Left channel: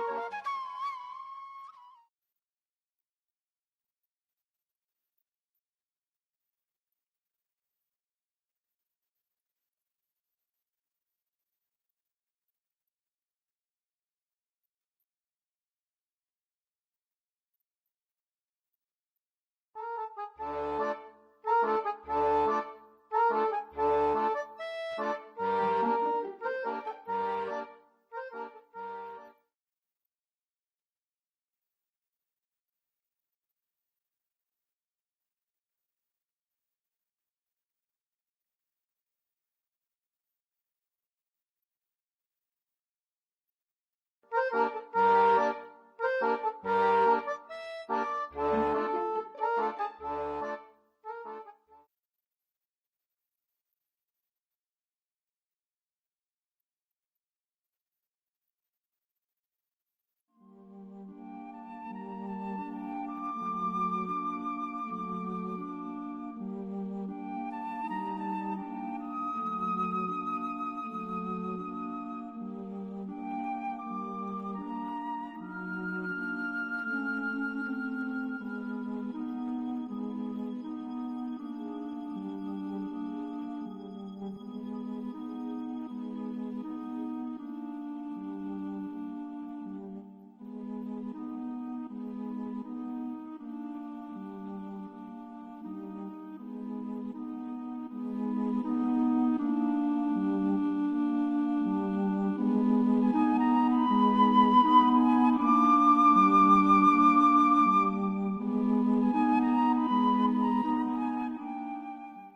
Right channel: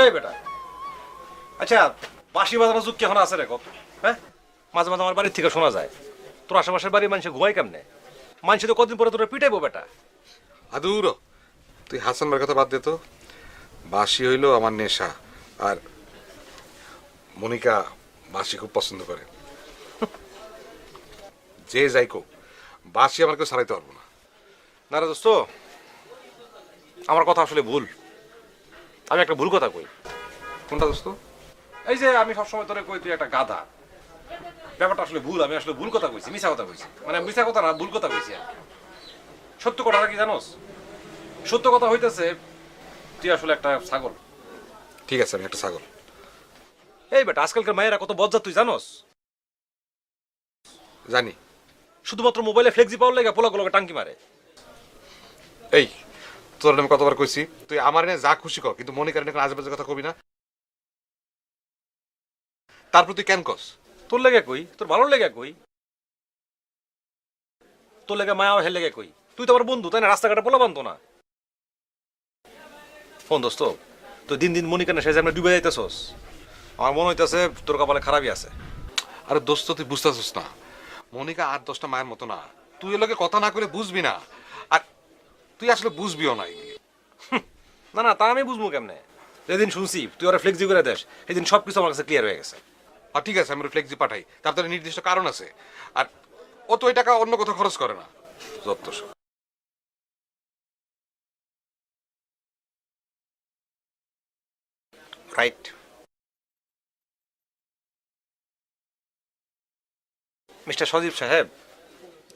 এই বেটা, আচ্ছা বাঁশি বাজানোর যুগ কি এখন আছে রে? হ্যাঁ, মাঝে মাঝে আমার বাড়ির থেকে শোনা যায় তোর আশেপাশের বাড়ির মানুষ ঘুমাই কেমনে? মানুষ তো কদিন পরে তোরা পিটাইবো বেটা। আদুর তুই হাসান ভাইয়ের কথা বাদ দে তো। বাঁশি হইল আমার নেশা, আর মনিকা বাঁশি খুব পছন্দ করে। যে যাই কর, বাঁশি আমার কেউ ছাড়াইতে হবে না রে দোস্ত, আমার কথা আসলে ভুল। আমি একটা ভুল কথা কই। কোনটা দোস্ত? এই যে আমি সবসময় তোরে কই তুই একটা গাধা, ব্যাপারটা আসলে ভুল। আমি আসলে ভুল কথা কইছি, মিছা কথা কইছি। মানে মিছা কথা না, ভুল কথা কইছি। সত্য কথাটা কি জানোস? সত্য কথা হইতেছে তুই আসলে একটা ছাগল। ঠিক আছে, আমি একটা ছাগল। এই বেটা, আজকালকার মায়েরা কত বজ্জা তুই জানোস? জানি। শুধুমাত্র মোবাইলে ফ্লেক্সি পাওয়ার লেগে পোলাগুলোকে টাঙ্কি মারে। এই তোর আমি কতবার কইছি তুই আমার এনে যা খুশি কর, কিন্তু মনিকার এনে আজেবাজে কথা কবি না। তারপর তুই কেন কস? তোর লেগে কই, তোর ভালো লেগে কই, তোর লেগে মায়া হের লেগে কই। তুই তো আমার বন্ধু, তাই না? রাস্তাঘাটে পোলা বানতো না। ফোন দোস্ত, তুই দিন দিন মনিকানে সে আমরা ডুবে যাইতেছস। আমার মনে হইতেছে তোর কপালে খারাপই আছে। আরে দোস্ত তুই বুঝতেছিস না, মনিকা 8-10টা মায়ের মতো না। তুই এর লগে কথা না করে বুঝবি না, আর তুই আসলে বুঝবিও নাই। না না, তা আমি বুঝবো কেমনে? যেদিন শুনছি তুই ওরা ফ্লেক্সি করে দেশ, সেদিন সবকিছু আমার কাছে ক্লিয়ার হয়ে গেছে। আর ঠিক আছে, আমি ফ্লেক্সি পাঠাই, তার তো নির্দিষ্ট কারণ আছে। আর ও তো ওই টাকা অন্য কোথাও খরচ করে না। যত সব। রাইট। মিস্টার সজীব সাহেব,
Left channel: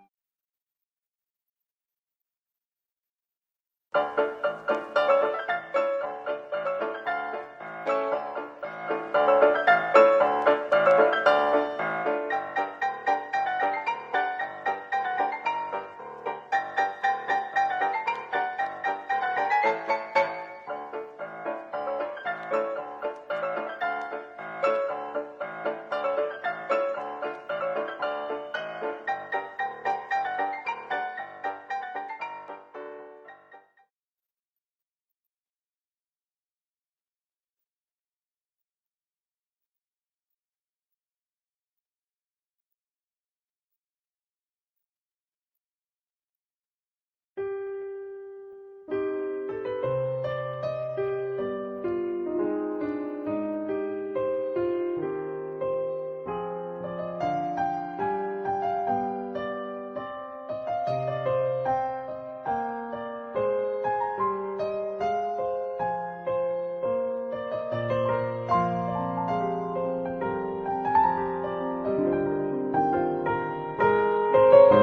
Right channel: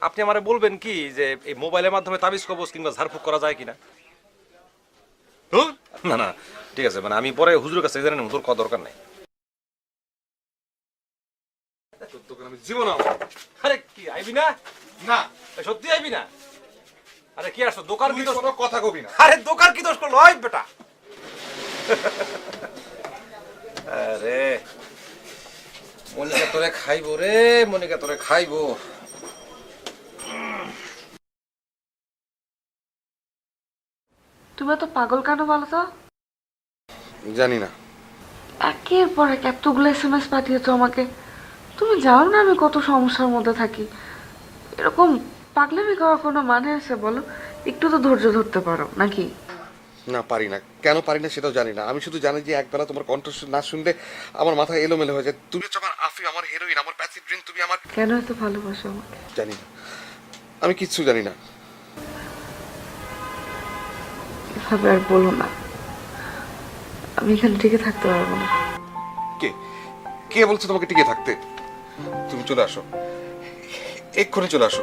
আপনি আমারে বলবেন কি যে এই মোবাইলের মাধ্যমে তাবিজ কবজ কিংবা ঝাড়ফুঁক করা যায় কিনা? না না, ঠিক আছে, মানে আমি পরে হুজুরের কাছে জানেন, হুজুর কত দরকার নেই। জীবন আরে কি আইবি না? না, সত্যি আইবি না? আরে কি আসছো দোকান কি দোষ? কথা কবি না। আরে দোকান কি দোষ করলো? হয় বেটা। আরে মনিকা তোরে খাইবো রে, মনিকা তোরে খাইবো। তুমি তো পাগল কেন বলো তো? জানি না। একের পর এক এতগুলো SMS পাঠিয়েছো আমাকে। তুমি জানো না আমি কত সমস্যার মধ্যে থাকি। এরকম পাগলামি করার কোনো মানে আছে বলো? একটু তো ধৈর্য ধরতে পারো নাকি? না, পারি না। কেন পারি না সেটাও জানি না। আমি শুধু জানি যে একবার তোমার কণ্ঠ না শুনলে আমার মাথা এলোমেলো হয়ে যায়। তুমি হচ্ছে আমার আফি, আমার হিরোইন, আমার প্যাসিভ ড্রিঙ্ক। তুমি আমার কেন এত ভালোবাসো আমাকে? জানি না, আমি কিচ্ছু জানি না। এভাবে আর বলো না, আমি এখানে টিকে থাকতে পারবো না। কে কে বলছে তোমাকে টিকে থাকতে? তুমি চলে আসো, এক্ষুনি চলে আসো।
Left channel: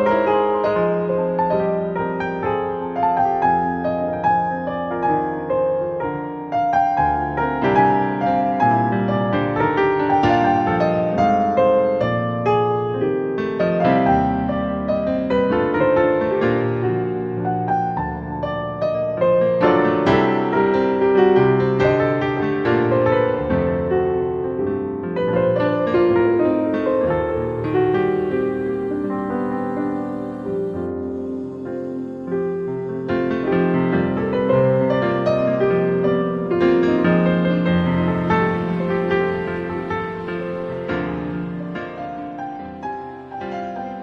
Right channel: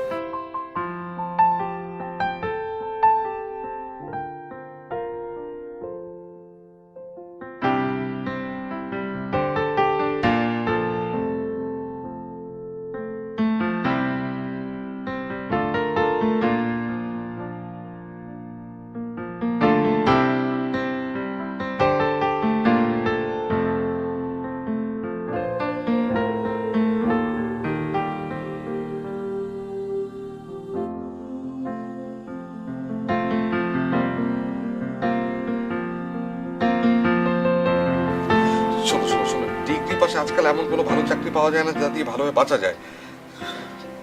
শোনো শোনো শোনো, ডিগ্রি পাশে আজকাল এমন কোনো ভালো চাকরি পাওয়া যায় না যা দিয়ে ভালোভাবে বাঁচা যায়।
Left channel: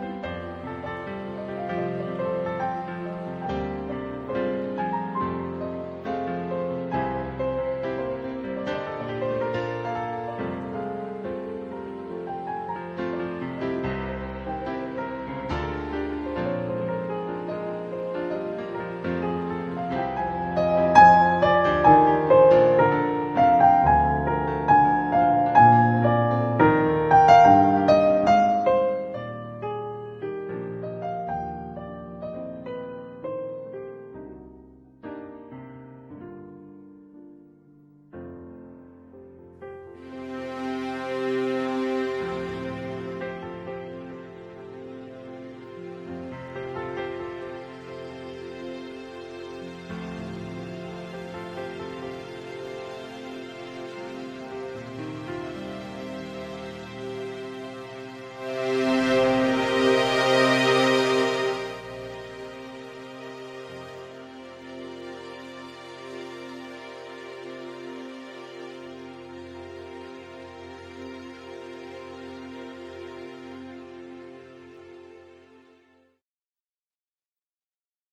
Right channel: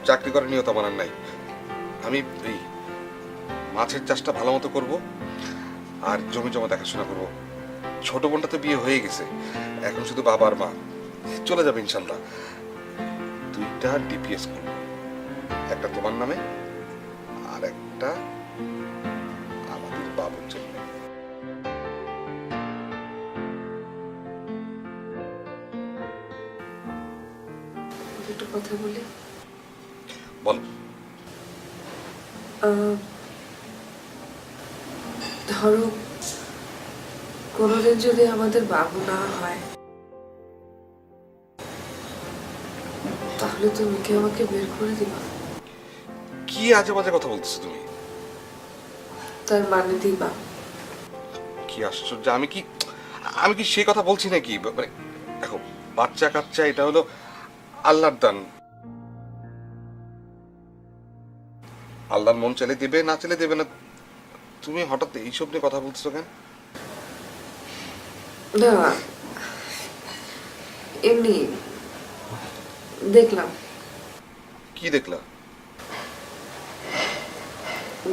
চাকরি করার নিয়ত আমার আর নাই। আমি এই মাছের চাষটা ভালো মতো করবো আর জমি জমা দেখাশোনা করবো। ছোট বোনটা তো বিয়ে হয়ে গেছে, এখন শুধু বাবা আর মা। চলে যাবে ইনশাল্লাহ। 2টা ডিপিএস করবো, একটা তোমার নামে আর একটা আমাদের বাবুর জন্য। একটা কথা বলি। বল। ধরো কোনোদিন যদি আমাদের বাবু না হয়, তাহলে তুমি কি আমাকে বের করে দিবা? কি আজে বাজে কথা বলতেছো তুমি? তার মানে দিবা? কি আশ্চর্য! আমি কি সেই কথা বলছি নাকি? মানে দেখো, বাচ্চা কাচ্চা এটা হলো আল্লাহর দান। আল্লাহর মন চাইলে দেবে, না চাইলে দেবে না। তুমি হঠাৎ এইসব নিয়ে কথা বলছো কেন? না, এমনি দেখলাম। কি দেখলা?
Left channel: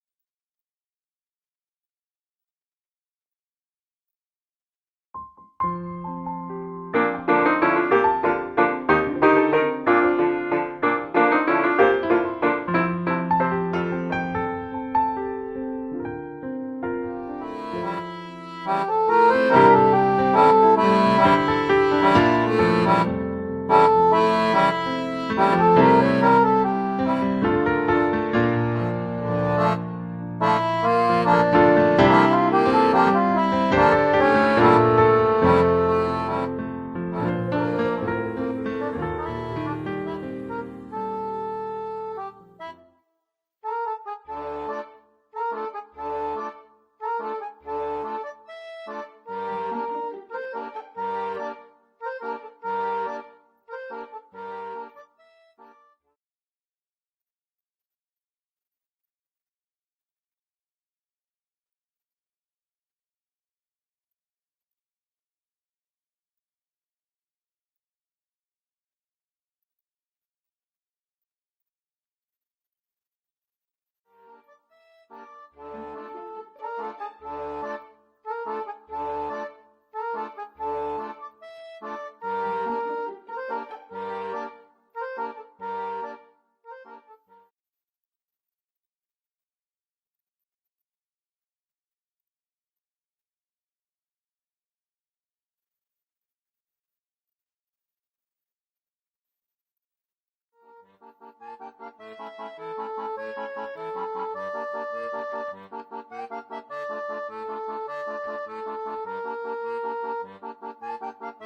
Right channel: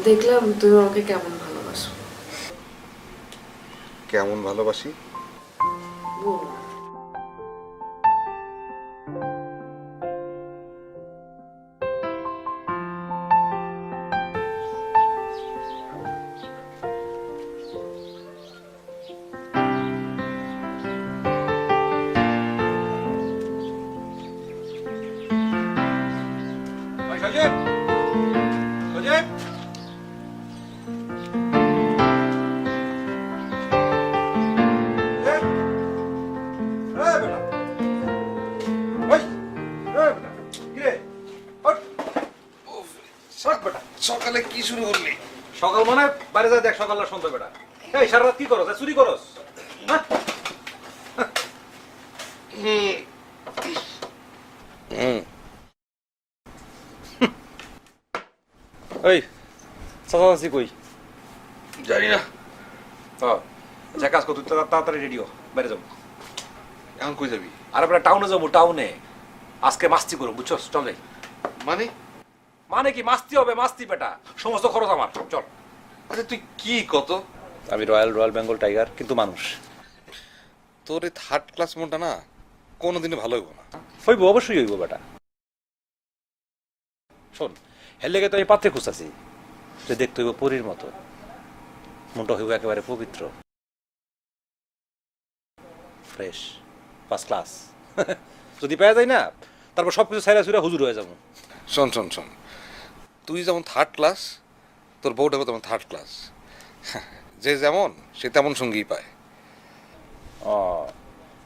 দেখলাম তুমি আমাকে কেমন ভালোবাসো। কেমন ভালোবাসি? বল। সজীব, সজীব। সকালে কি শুরু করলি? সকাল মানে বাইরে যা দেখ, সকাল না সন্ধ্যা বেলা। এই সারা রাত কি করো? চুরি করস? হ্যাঁ? ওই চাচা কই? জানি না। আচ্ছা কাজ কর, তুই তাড়াতাড়ি রেডিও, বাইরে যাবো। এখন কই যাবি? আর আমরা টাউনে যাবো, টাউনে আজকে মাস্তি করবো, বুঝছস? চল যাই। মানে? মানে কি মাস্তি হবে? মাস্তি বেটা, সমস্ত খরচ আমার। চল। আচ্ছা তুই কি কত? আমি রয়্যাল বেঙ্গল টাইগার, কিন্তু মানুষ তোর এই 3rd ক্লাস মনটা না কোনোদিনই ভালো হইব না। হইব, অবশ্যই হইব বেটা। শোন, হের লেগে তো আমি পাত্রে খুঁজতেছি যে দেখতে হইব পরীর মতো, মনটা হইব একেবারে পবিত্র, ফ্রেশ, ফার্স্ট ক্লাস। যদি পাওয়া যায় না, তারপর সবকিছু ছাইরা ছুড়া হুজুর হয়ে যাবো। শোন শোন শোন, তুই যেমন 3rd ক্লাস, তোর বউটাও তেমন 3rd ক্লাস। যে যেমন সে তেমন সঙ্গীই পায়। ও,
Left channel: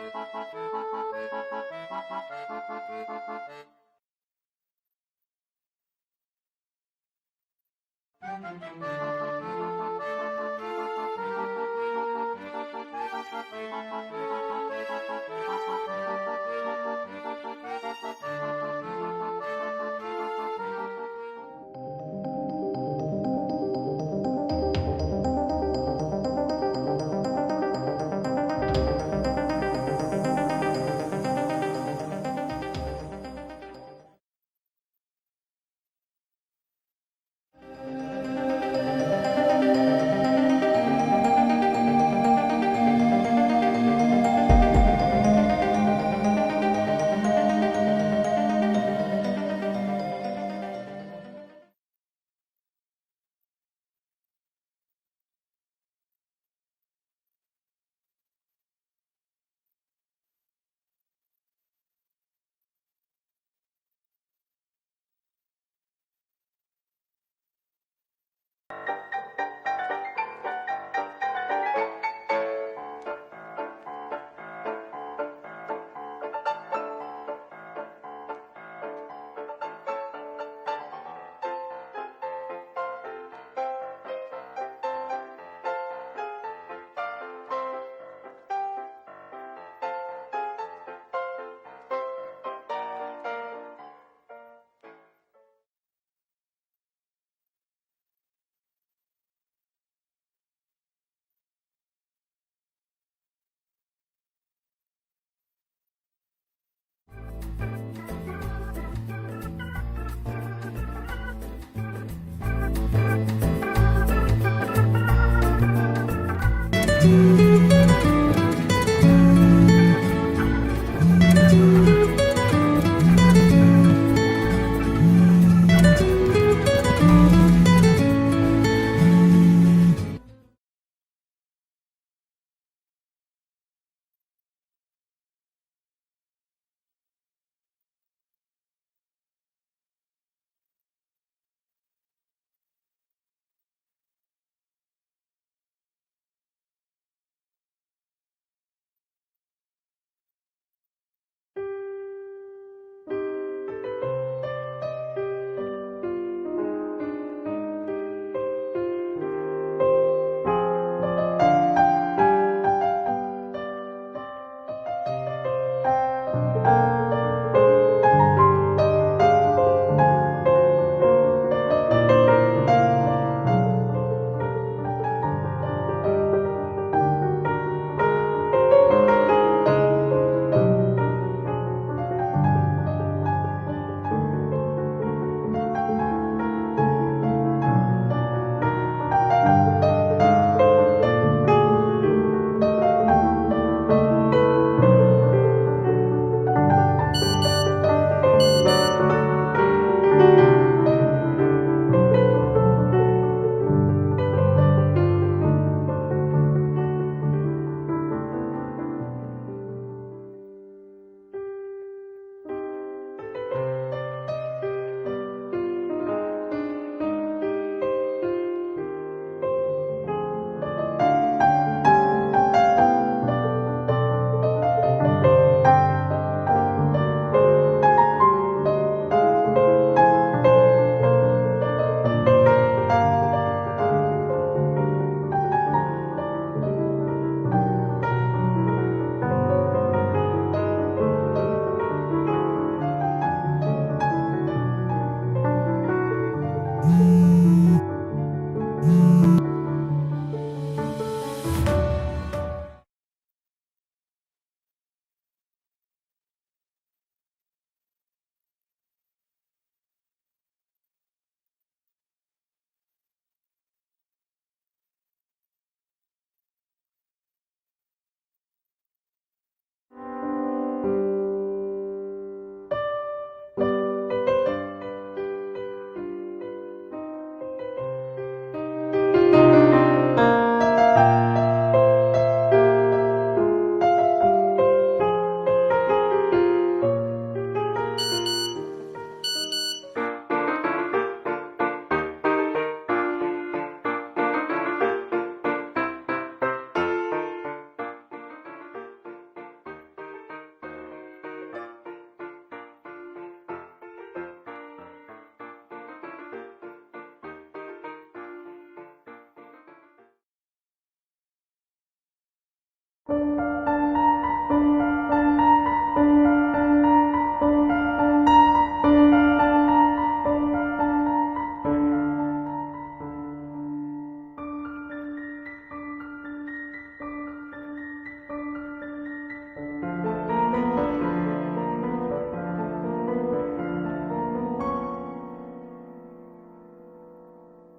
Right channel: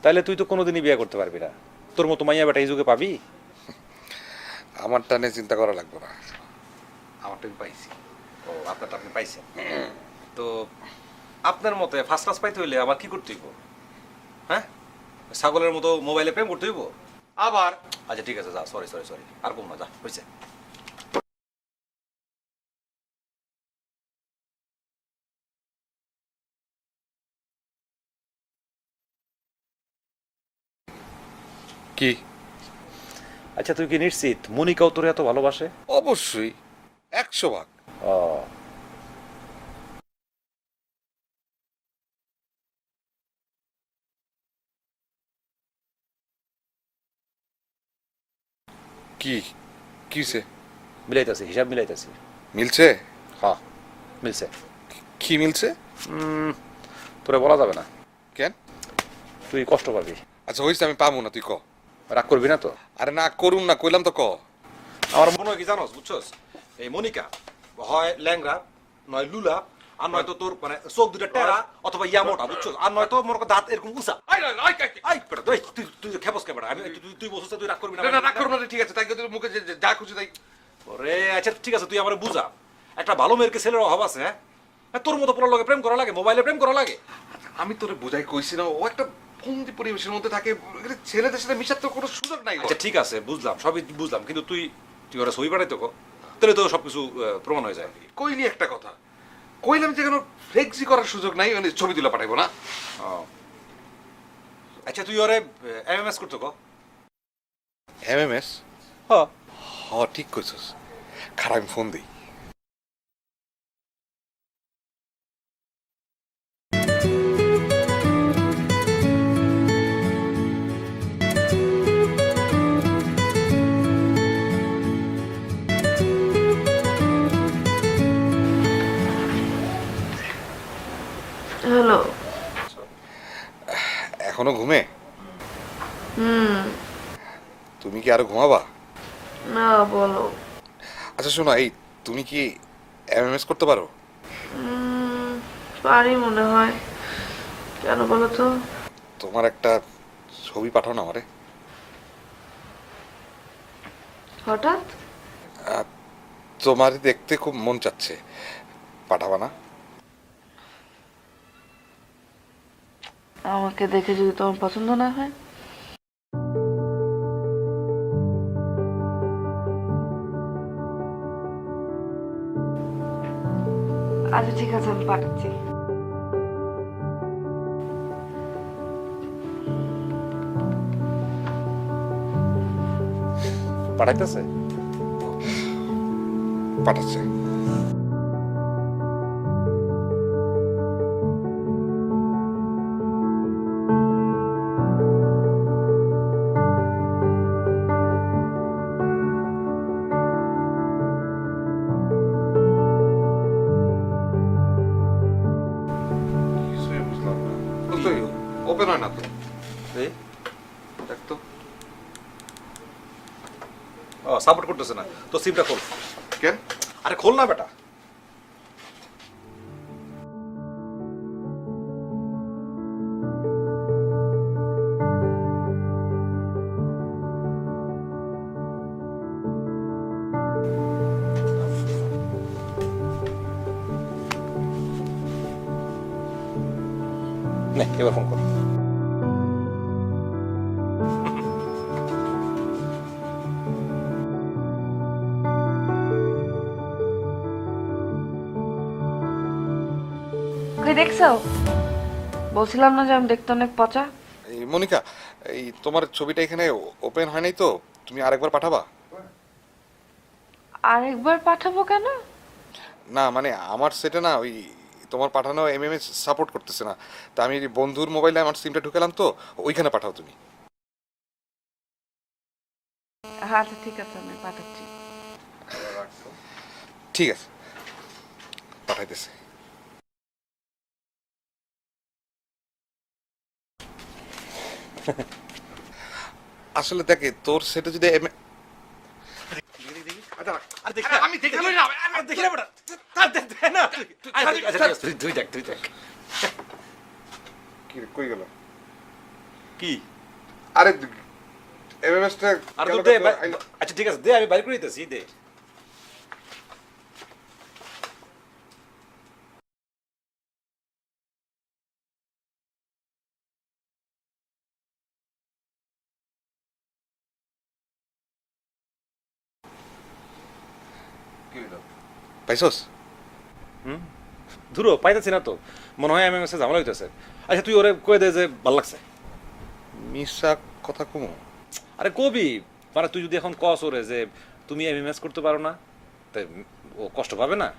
তাইলে তুই তো কোনোদিনই বিয়ে করতে পারবি না। তোর মতো মাইয়া বেটা এই যুগে পাবি? আমারটা নিয়ে চিন্তা করা লাগবে না, আমারটা আমি পাইছি। ও, আপনারটা আপনি পাইছেন। তো আপনার মতে ফার্স্ট ক্লাস পাইতে হইলে আবার কি করতে হইব? হ্যাঁ, ছাগলের মতো মোবাইলে প্রেম করতে হইব আবার? আচ্ছা ঠিক আছে, যা, সরি সরি সরি, আর কোনো না, হয়েছে। কি? আচ্ছা তুই কি নিশ্চিত মনিকাও তোর এত ভালোবাসে? অবশ্যই, 100 ভাগ। ও, কি কিছে? মিলাইতেছি, হিসাব মিলাইতেছি। মিলছে? হ্যাঁ, মিলছে। কি মিলছে? তোরে বলা যাবে না, কেন? তুই কষ্ট পাবি। আচ্ছা হইছে, আমি পাবো না, তুই ক। রাগ করবি না তো? আরে না করুম না, কইলাম তো ক। আমার মনে হয় কি জানোস, বুঝছস, এই মনিকা হয় ল্যাংরা, নয় লুলা, আর নয়তো তোর মানে চোখ দুটা টেরা অথবা ইয়ামোটা, বুঝছস, আর নয়তো মনে কর দাঁত এরকম উঁচা। আই বেটা, তুই খেপস কে বেটা? তুই বসছিস, তুই রাগ করবি না? না, রাগ করুম না, ঠিক আছে, তাই তোর মুখে যা খুশি তাই। ওরে আচ্ছা ঠিক আছে, তুই আমার বুঝা, একটা ভালো মেয়ের ছেলের অভাব আছে? হ্যাঁ, তোর মতো পোলার লগে প্রেম করা লাগে, মোবাইলে প্রেম করা লাগে? আমি তোরে বুঝাই কইছি না, ও একটা বন্দি পরিবেশের মধ্যে থাকে, ছেলেদের সাথে মিশার তো কোনো সুযোগ নাই। আচ্ছা ঠিক আছে, বুঝলাম, সবই বুঝলাম, কিন্তু তুই ওরা সই পাঠাই তো, তাহলে তো সবকিছু প্রমাণ হয়ে যায়। কইলি একটা কথা, কইলাম যে কোনো ফ্লেক্সি করার সুযোগ নাই, মানে ছবি তুলে পাঠাইবো না। আচ্ছা তুই ওরে এমএমএস করতো? এমএমএস? হ্যাঁ। ঠিক কইছস, খারাপ আমি ফোন দিই। হ্যালো। এখনো ঘুমে? হুম। তুমি কি আরো ঘুমাবা? না, বলো। আচ্ছা শোনো, এই তুমি কি এমএমএস করতে পারো? পারি মনে হয়। কেন বলো তো? তোমার একটা ছবি পাঠাও না আমারে। হঠাৎ? আহ, তোমার দেখতে খুব মন চাচ্ছে, পাঠাবা না? আমাকে দেখে যদি তোমার পছন্দ না হয়? আচ্ছা ঠিক আছে, আমি পাঠাচ্ছি। পাঠাইতেছে? পাঠাচ্ছে। ওপেন হয় না তো, দেখ তো। ও সাপোর্ট করতেছে না তো, সিমটা খোল। কেন? আরে খোল না বেটা। নে, এবার ফোন কর। ওকে দেখছো? বলছিলাম না যে আমি দেখতে অনেক পচা? এই মনিকা, এই তোমার ছবিটা এখানে ওপেন হয় নাই তো, তুমি আরেকবার পাঠাবা? আরেকবার পাঠাবো কেন? না মানে আমার সেটা না, ওই তোমার পাঠানো এমএমএস সাপোর্ট করতেছে না, তা আমি বন্ধুর মোবাইলে আমার সিমটা ঢুকালাম তো, ওইখানে পাঠাও তুমি। হ্যাঁ ঠিক আছে, আমি পাঠাচ্ছি। ঠিক আছে, পাঠাইতেছি। আসলে দেখে তোর সেটা যদি আমি দেখি না, দেখি না বেটা। আর দেখতে না। তুই দেখ, তুই দেখ। কই গেল? কি? আরে এমএমএসটা আর তো দে। আচ্ছা ঠিক আছে, দে, আমি বাইর করে দিতেছি, দে। পাইছস? ধুরো পাইতেছি না তো, মনে হয় এমএমএস ঝামেলা হইতেছে। আচ্ছা তুই ওরে কয়ে দে যে ভাল লাগছে। মিশা কথা কম। আরে কবি, মানে তুই যদি এখন কস ওরে যে তুমি এমএমএস করতে পারো না, তাই ও কষ্ট পাবে না?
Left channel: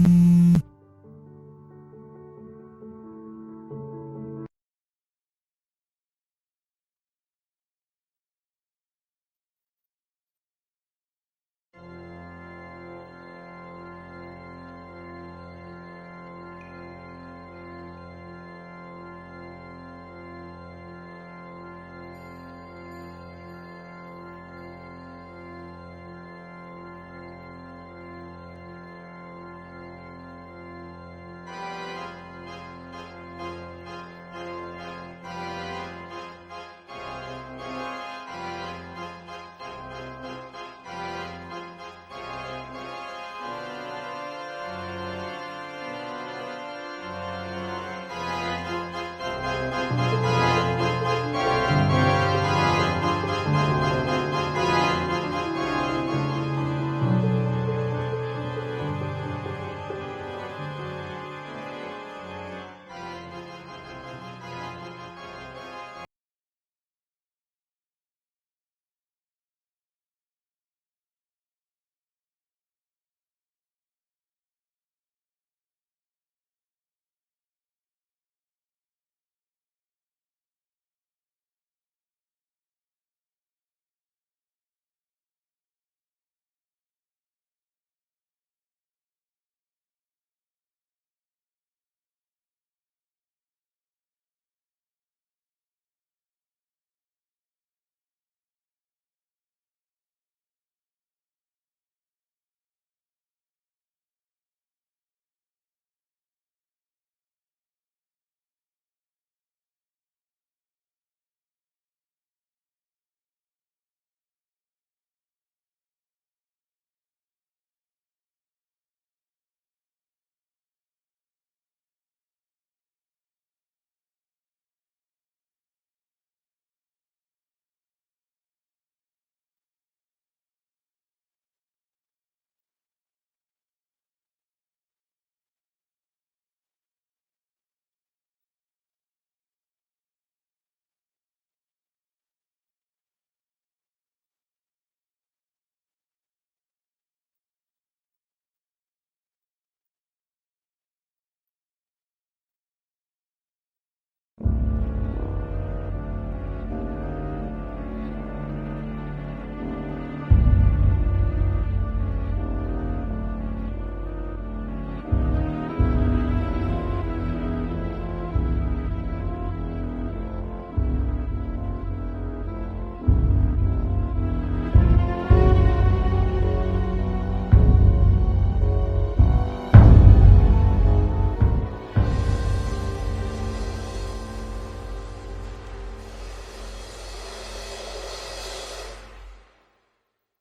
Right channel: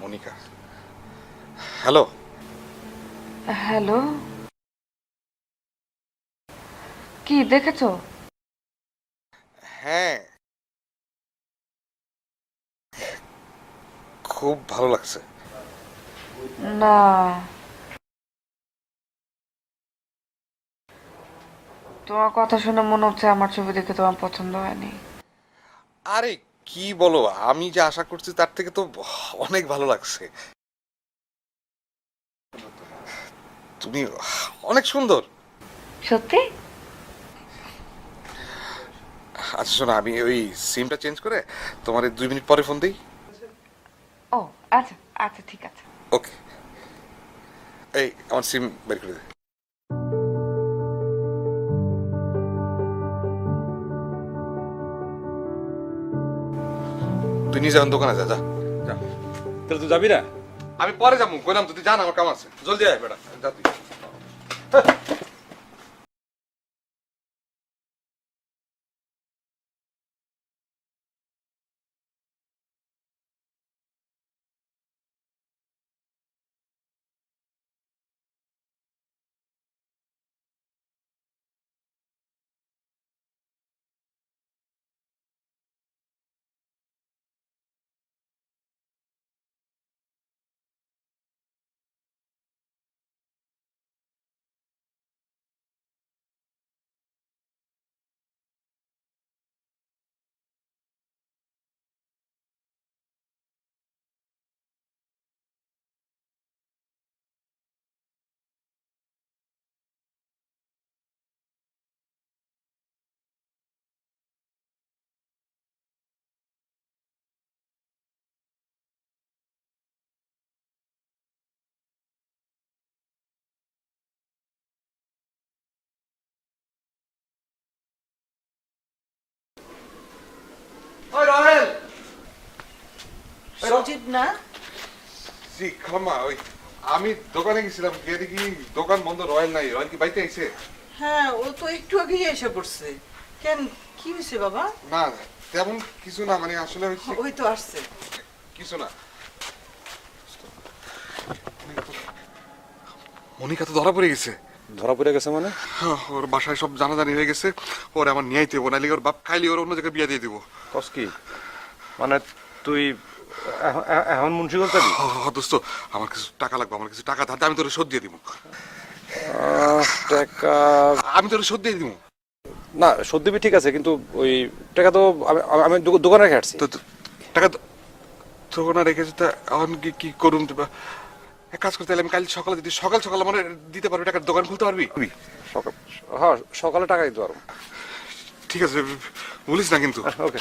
মনিকা, হ্যালো। হ্যালো, কি দেখেছো? হ্যাঁ, খুব ভালো লাগছে। না, তোমার কথা শুনে মনে হচ্ছে আমার ছবি দেখে তোমার পছন্দ হয়নি। আরে কি বলো, আমি যে আশা করছি তার থেকে তো অনেক ভালো লাগছে। তুমি অনেক সুন্দর। সত্যি? আচ্ছা শোনো, আমি ওই সিমটা চেঞ্জ করে তোমার 2 মিনিট পরে ফোন দিই। ও আচ্ছা আচ্ছা ঠিক আছে। ওকে, এই আমার সিম বের করে দিই। তুই নিজে এখন দোকানে যা যা যা। তাহলে তুই যাবি না? আমি পরে যাবো কইলাম তো, তুই জান আমার কাম আছে, জলদি আয় বেটা যা। ওই রহেল, সজীব না? জি খালাম্মা, ওই আমি দোকানে গেছিলাম, গিয়ে দেখি দোকান বন্ধ, রয়েল নাই। রয়েল কি বাড়িতে আইছে? হ্যাঁ, ও তো একটু আগেই এসে পড়ছে। কেন, কি হয়েছে বাবা? না তেমন কিছু না, মানে আসলে হচ্ছে ওই তো আসছে। কিছু না। মনিকা তো ধরা পড়ে গেছে। ধরা পড়ে গেছে মানে? ওর বাসায় সব জানাজানি হয়ে গেছে, ওর আমার নিয়ে আইতে হবো, নাহলে ওর বাপ খাইলে ওর অন্য জায়গায় বিয়ে দিয়ে দেবো। কস কি মানে? তুই এখন মুন্সিগঞ্জ যাবি? দোস্ত, আমার কাছে টাকা লাগবে, আমার কাছে টাকা ধার, আমি তোর শোধ দিয়ে দেবো। টাকা? আমি তোর শোধ দিয়ে দিব। না, শোধ দিবি ঠিক আছে, কিন্তু ওই টাকা তো আমি দোকানে রেখে আসছি। তো টাকা তো দোকানে রেখেছি, তা এখন কি করুন? এক কাজ করতে, আমি কাল সকালে যদি সকাল সকাল আমার দিতে পারবি, টাকার দোকান খুলতে পারবি? সকাল? হ্যাঁ, সকালে টাকা দিতে পারবো। ঠিক আছে, বলিস না কিন্তু। ওকে।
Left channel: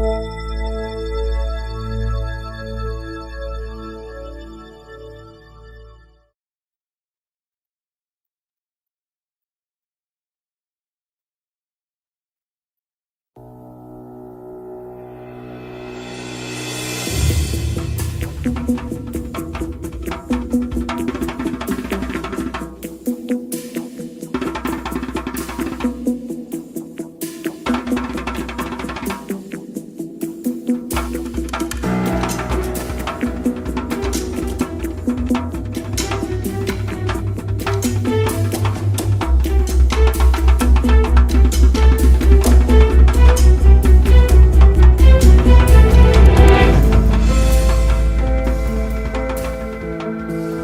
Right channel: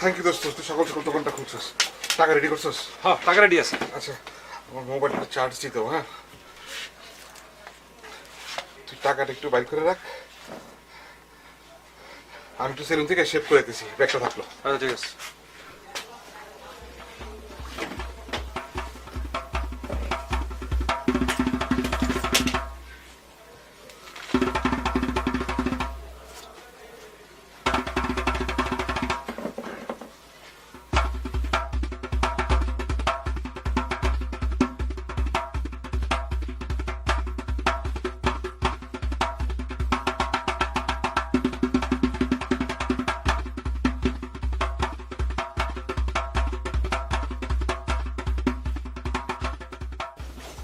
থ্যাংক ইউ দোস্ত, তুই সকাল সকাল দোকানটা খুলছিস। টাকা রেডি করছিস? হ্যাঁ, টাকা রেডি আছে। আচ্ছা, আমার মোবাইলটা চার্জ দিতে হবে। হ্যাঁ, তুই টাকাটা একটু বাইর করে রাখ, আমি একটু সেলুন থেকে শেভ করে দিছি, ব্যাগটা থাকলো। আচ্ছা, ঠিক আছে।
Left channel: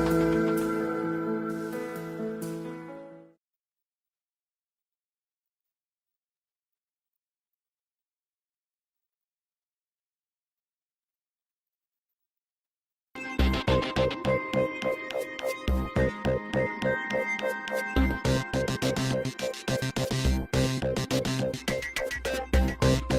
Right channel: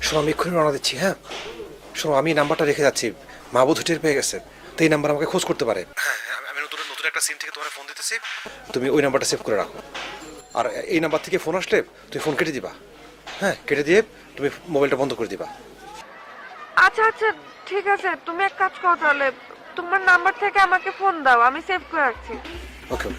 শোনো, আমি এক্ষুনি রওনা দিচ্ছি। হ্যাঁ শোনো, আমি নাম্বারটা রেখে যাচ্ছি, মাহবুব হোটেল পেয়ে গেছে, তো এই নাম্বার আমাকে খোঁজ করতে পারে। হ্যাঁ, আমি নতুন নতুন একটা সিম থেকে তোমার ফোন দিতেছি, তুমি ওই নাম্বারটা সেভ করে রাখো। আর এই নাম্বার থেকে ফোন আসলে তুমি ফোন কেটে দিবা। হ্যাঁ, কেটে দিয়ে তুমি মোবাইলটা বন্ধ করে দিবা। আচ্ছা আচ্ছা, ঠিক আছে, তুমি এক কাজ করো তাহলে, তোমার নাম্বার থেকে আমাকে ফোন দাও, আমি সেভ করে রাখছি। ওকে ওকে।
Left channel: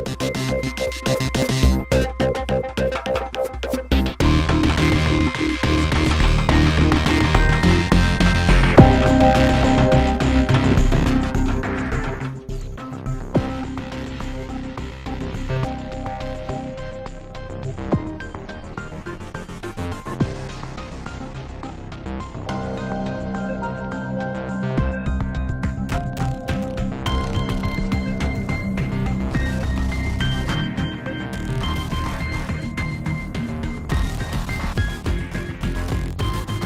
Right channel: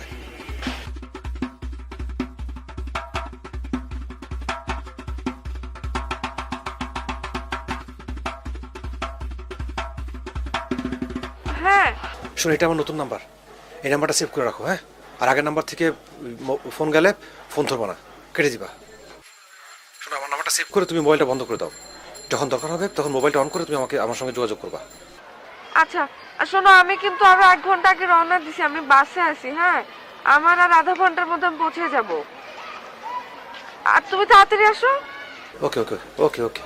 হ্যাঁ, শোনো, এটা আমার নতুন নাম্বার, এই নাম্বারটা সেভ করে রাখো। হ্যাঁ, আর আগের নাম্বার থেকে ফোন গেলে ফোন ধরবো না, কেটে দিবা। শোনো, আমার নাম্বারটা সেভ করে তুমি মোবাইলটা বন্ধ করে দাও। যখন দরকার হবে তখন মোবাইলটা অন করে তুমি আমার সঙ্গে যোগাযোগ করবে। আচ্ছা। আর শোনো, আমি কিন্তু আরো 1 ঘন্টা আগে রওনা দিছি, আমি বাসে আছি। হ্যাঁ, আমার আর আধা ঘন্টার মধ্যে আমি পৌঁছে যাব। আর তুমি তাড়াতাড়ি আসো। ওকে ওকে ওকে ওকে।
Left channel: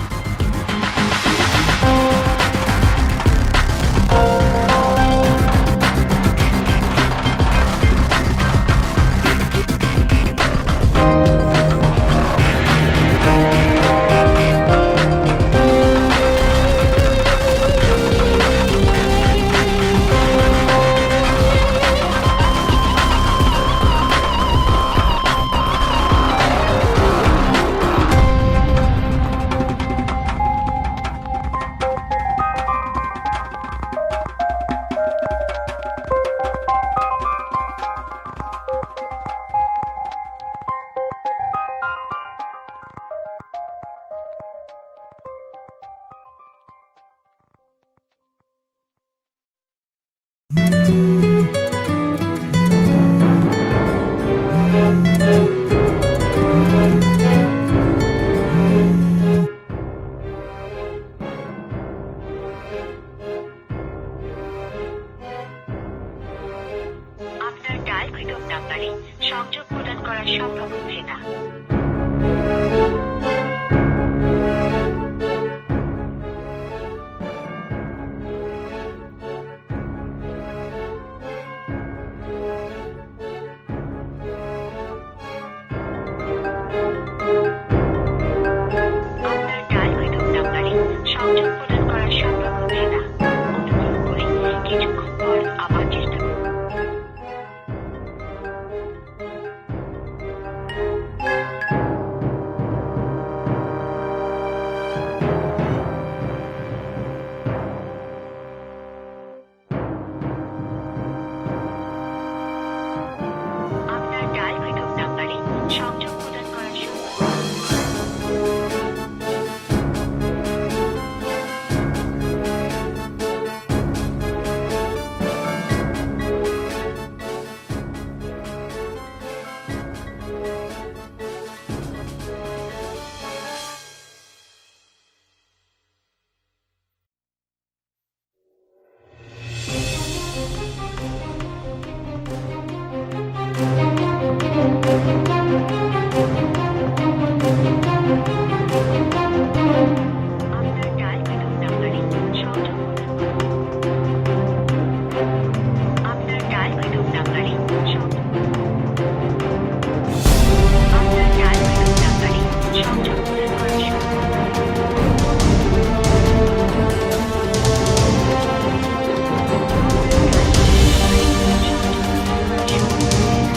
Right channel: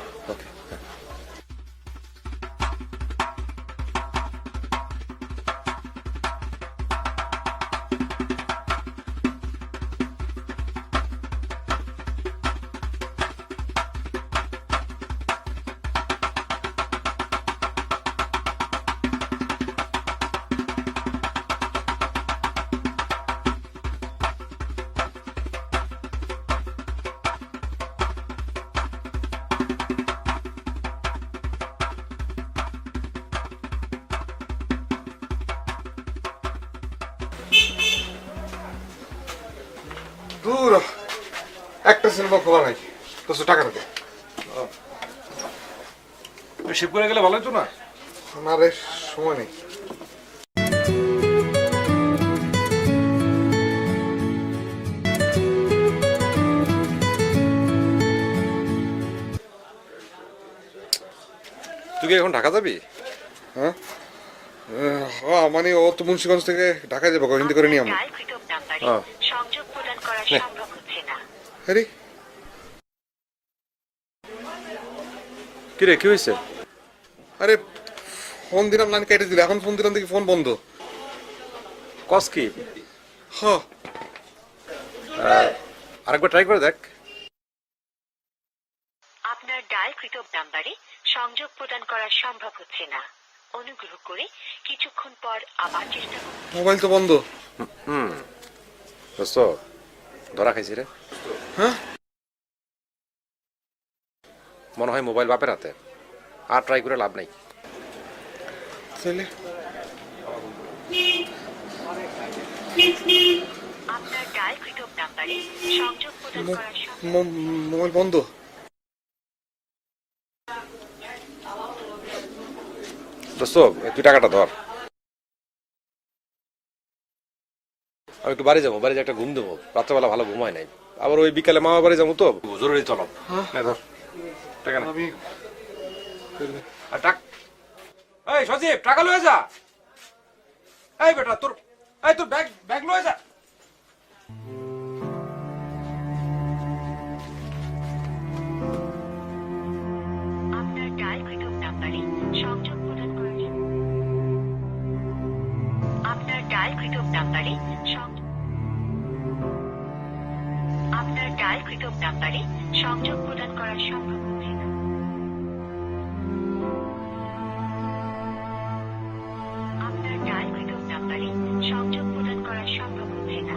দূর একটা সিনেমা খোলা নাই তো টাকা দে শিপ করে গেলে ভালো হতো না? আমার সময় নেই। তুই কি এখন ঢাকা যাবি? হ্যাঁ মানে ও তো মুন্সিগঞ্জ থেকে ঢাকায় যাবো হিন্দি করে নিয়ে আমরা। সংযোগ প্রদান করা সম্ভব হচ্ছে না। আরে কি রে, কি হয়েছে? আরে ফোন দিলাম লাইন কেটে দিল, এখন ফোন দিলাম দেখি ফোন বন্ধ। কস কি? হ্যাঁ আরেকবার ট্রাই করে দেখ। আপনার ডায়ালকৃত নাম্বারে সংযোগ প্রদান করা সম্ভব হচ্ছে না। অনুগ্রহ করে কিছুক্ষণ পর আবার চেষ্টা করুন। মোবাইল তো বন্ধ। দোস্ত ধরা খাইছি রে। হ্যাঁ মনে হয় মোবাইল বাপের হাতে, আর ট্রাই করে লাভ নাই। তাহলে আপনার ডায়ালকৃত নাম্বারে সংযোগ প্রদান করা সম্ভব মোবাইল বন্ধ। দোস্ত তুই টাকাটা ধর, আমি একটু বাড়ি যাবো, বাড়ি যে একটা ঘুম দেবো, রাত্রেবেলা ভালো ঘুম হয় নাই। আবার ওই বিকালে মামা বাড়ি যাবো, তো জরুরি চলো। হ্যাঁ ধর টাকা না। আমি আর টাক এই সজীব টাকা লয়ে যা। এই বেটা তোর ব্যাগ ব্যাগ লয়ে যা। আপনার ডায়ালকৃত নাম্বারে সংযোগ প্রদান করুন। আপনার ডায়ালকৃত নাম্বারে আপনার ডায়ালকৃত নাম্বারে সংযোগ প্রদান করা সম্ভব নয়। আপনার ডায়ালকৃত নাম্বারে সংযোগ প্রদান করা সম্ভব হচ্ছে না।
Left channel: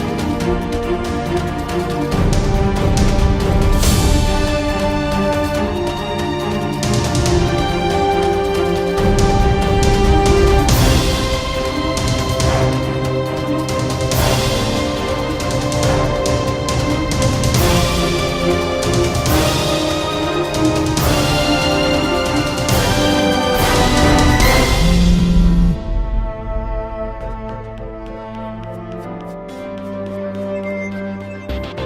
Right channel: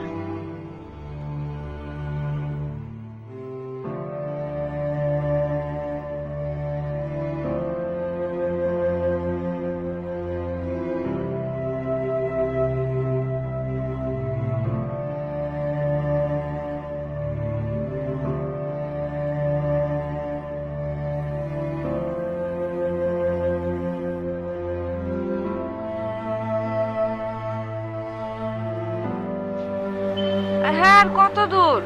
হ্যাঁ আর কত দূর?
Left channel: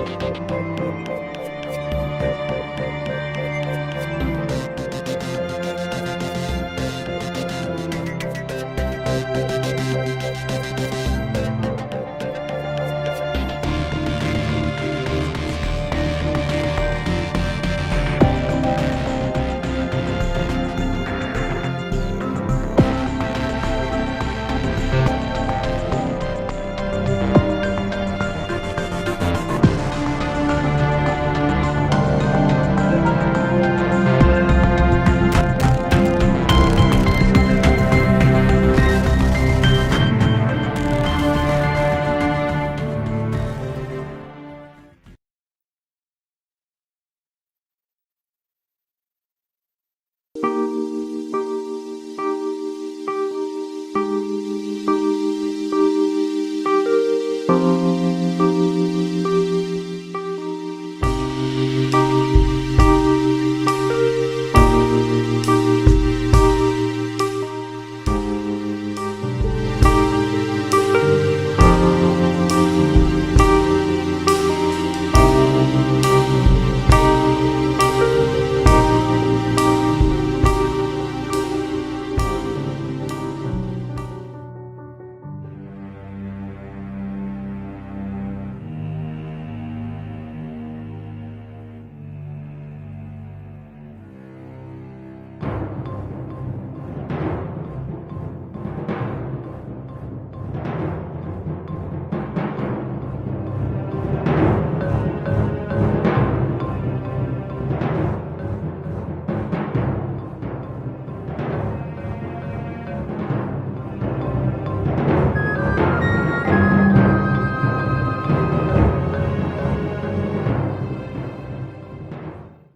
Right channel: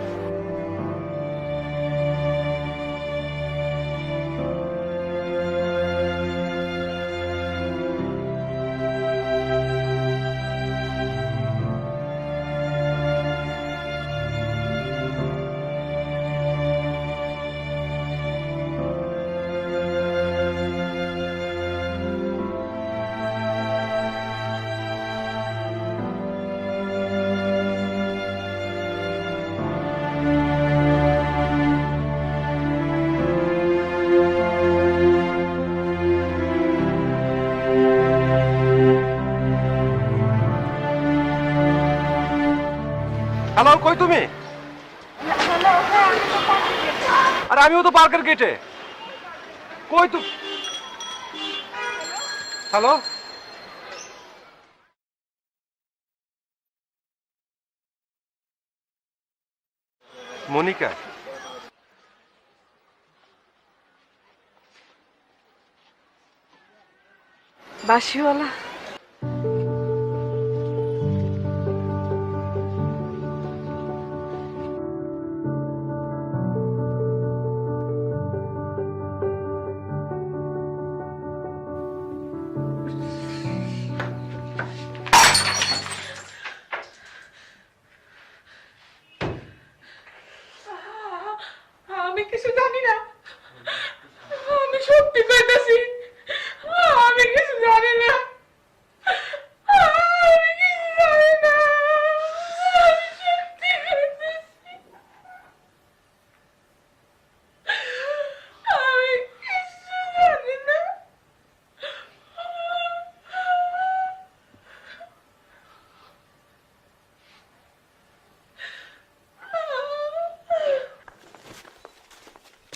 হ্যালো, কই তুমি? আরে আমিও তো পার্কের গেটে। কই তুই? হ্যালো, মনিকা। বাসিওয়ালা আমি কিছু জানি না, আমি সত্যি কইতাছি, আমি কিছু জানি না, আমি কিছু জানি না, আমি সত্যি কইতাছি, আমি কিছু জানি না।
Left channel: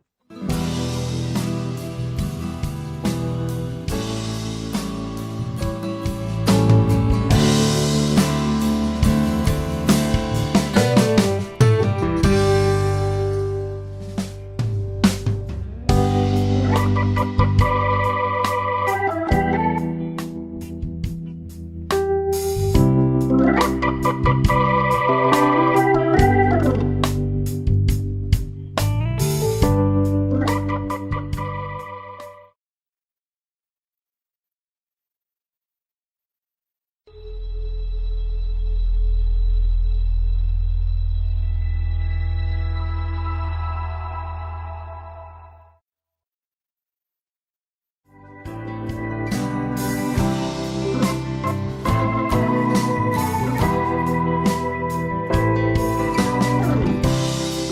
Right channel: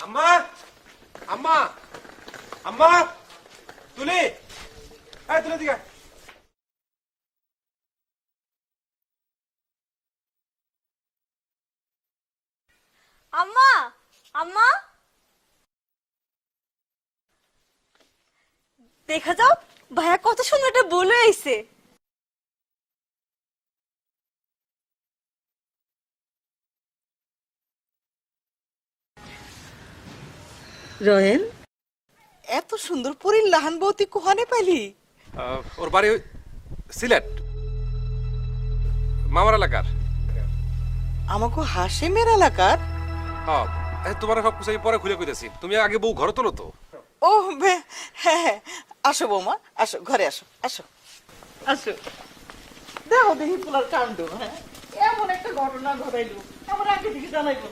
আম্মা, আম্মা, আম্মা, তুলি, তুলি দিকে। একটা বলে আইছে। রয়েন, এত সুন্দর পরীর লাহান বউতি কোহানে পাইলি? ওর বাড়ি সিলেট, মামার এলাকার। আমাকে হাসিমের এলাকার? হ্যাঁ, তোমার সব কিছু আমি পরে খুলে কইতেছি, তুমি আগে বউ ঘরে তোলো তো। ও হ্যাঁ হ্যাঁ, আসো বৌমা, আসো ঘরে আসো, আসো আসো। দেখো, তোমার কাজ নাই। এমন একটা ঘটনা ঘটে, আমার একটা চিন্তা হয়েছে।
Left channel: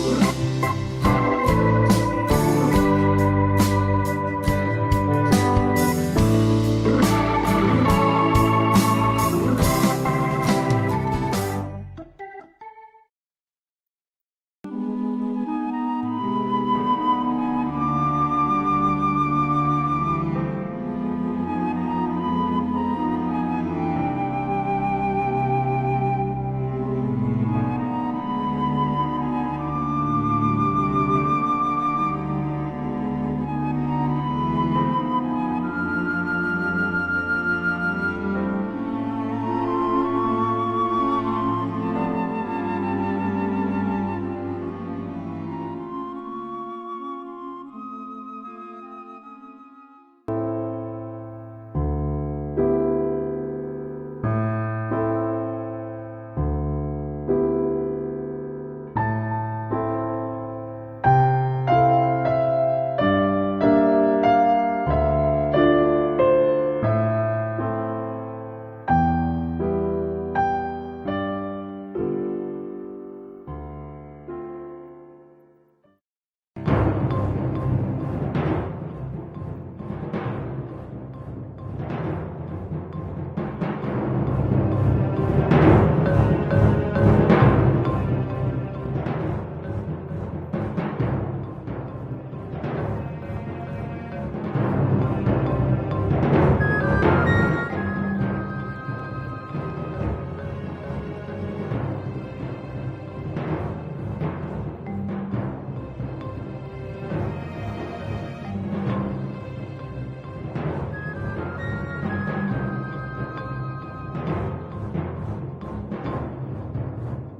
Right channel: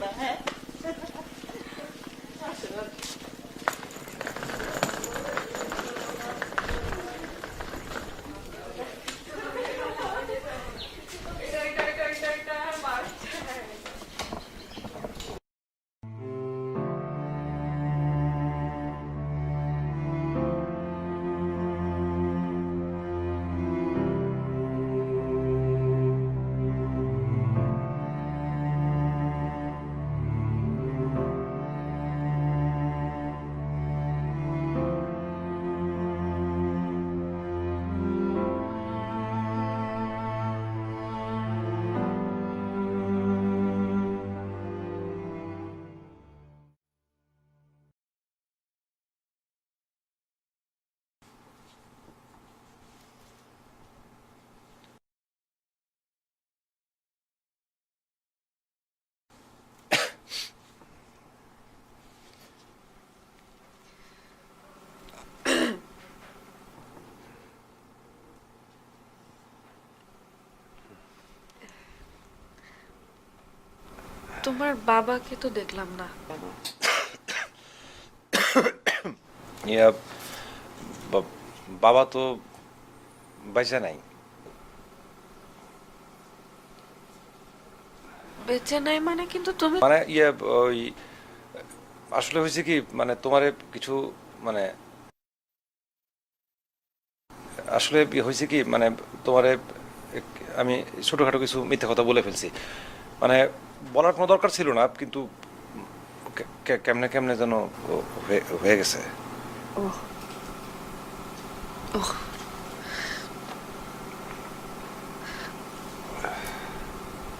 তোমার বাবাকে তো দেখলাম না। ইয়া, বাবা তো বাইসা নাই। বেঁচে নাই মানে? কিন্তু তুমি মানে ইয়ে ওই আসলে হয়েছে কি, মানে তোমারে কিছু মানে আসলে হয়েছে কি, মানে তোমারে আমি ছোটখাটো কিছু মিথ্যে কথা বলে ফেলছি। মানে বলার কোনো দরকার ছিল না, কিন্তু কেমনে কেমনে যেন হয়ে গেছে।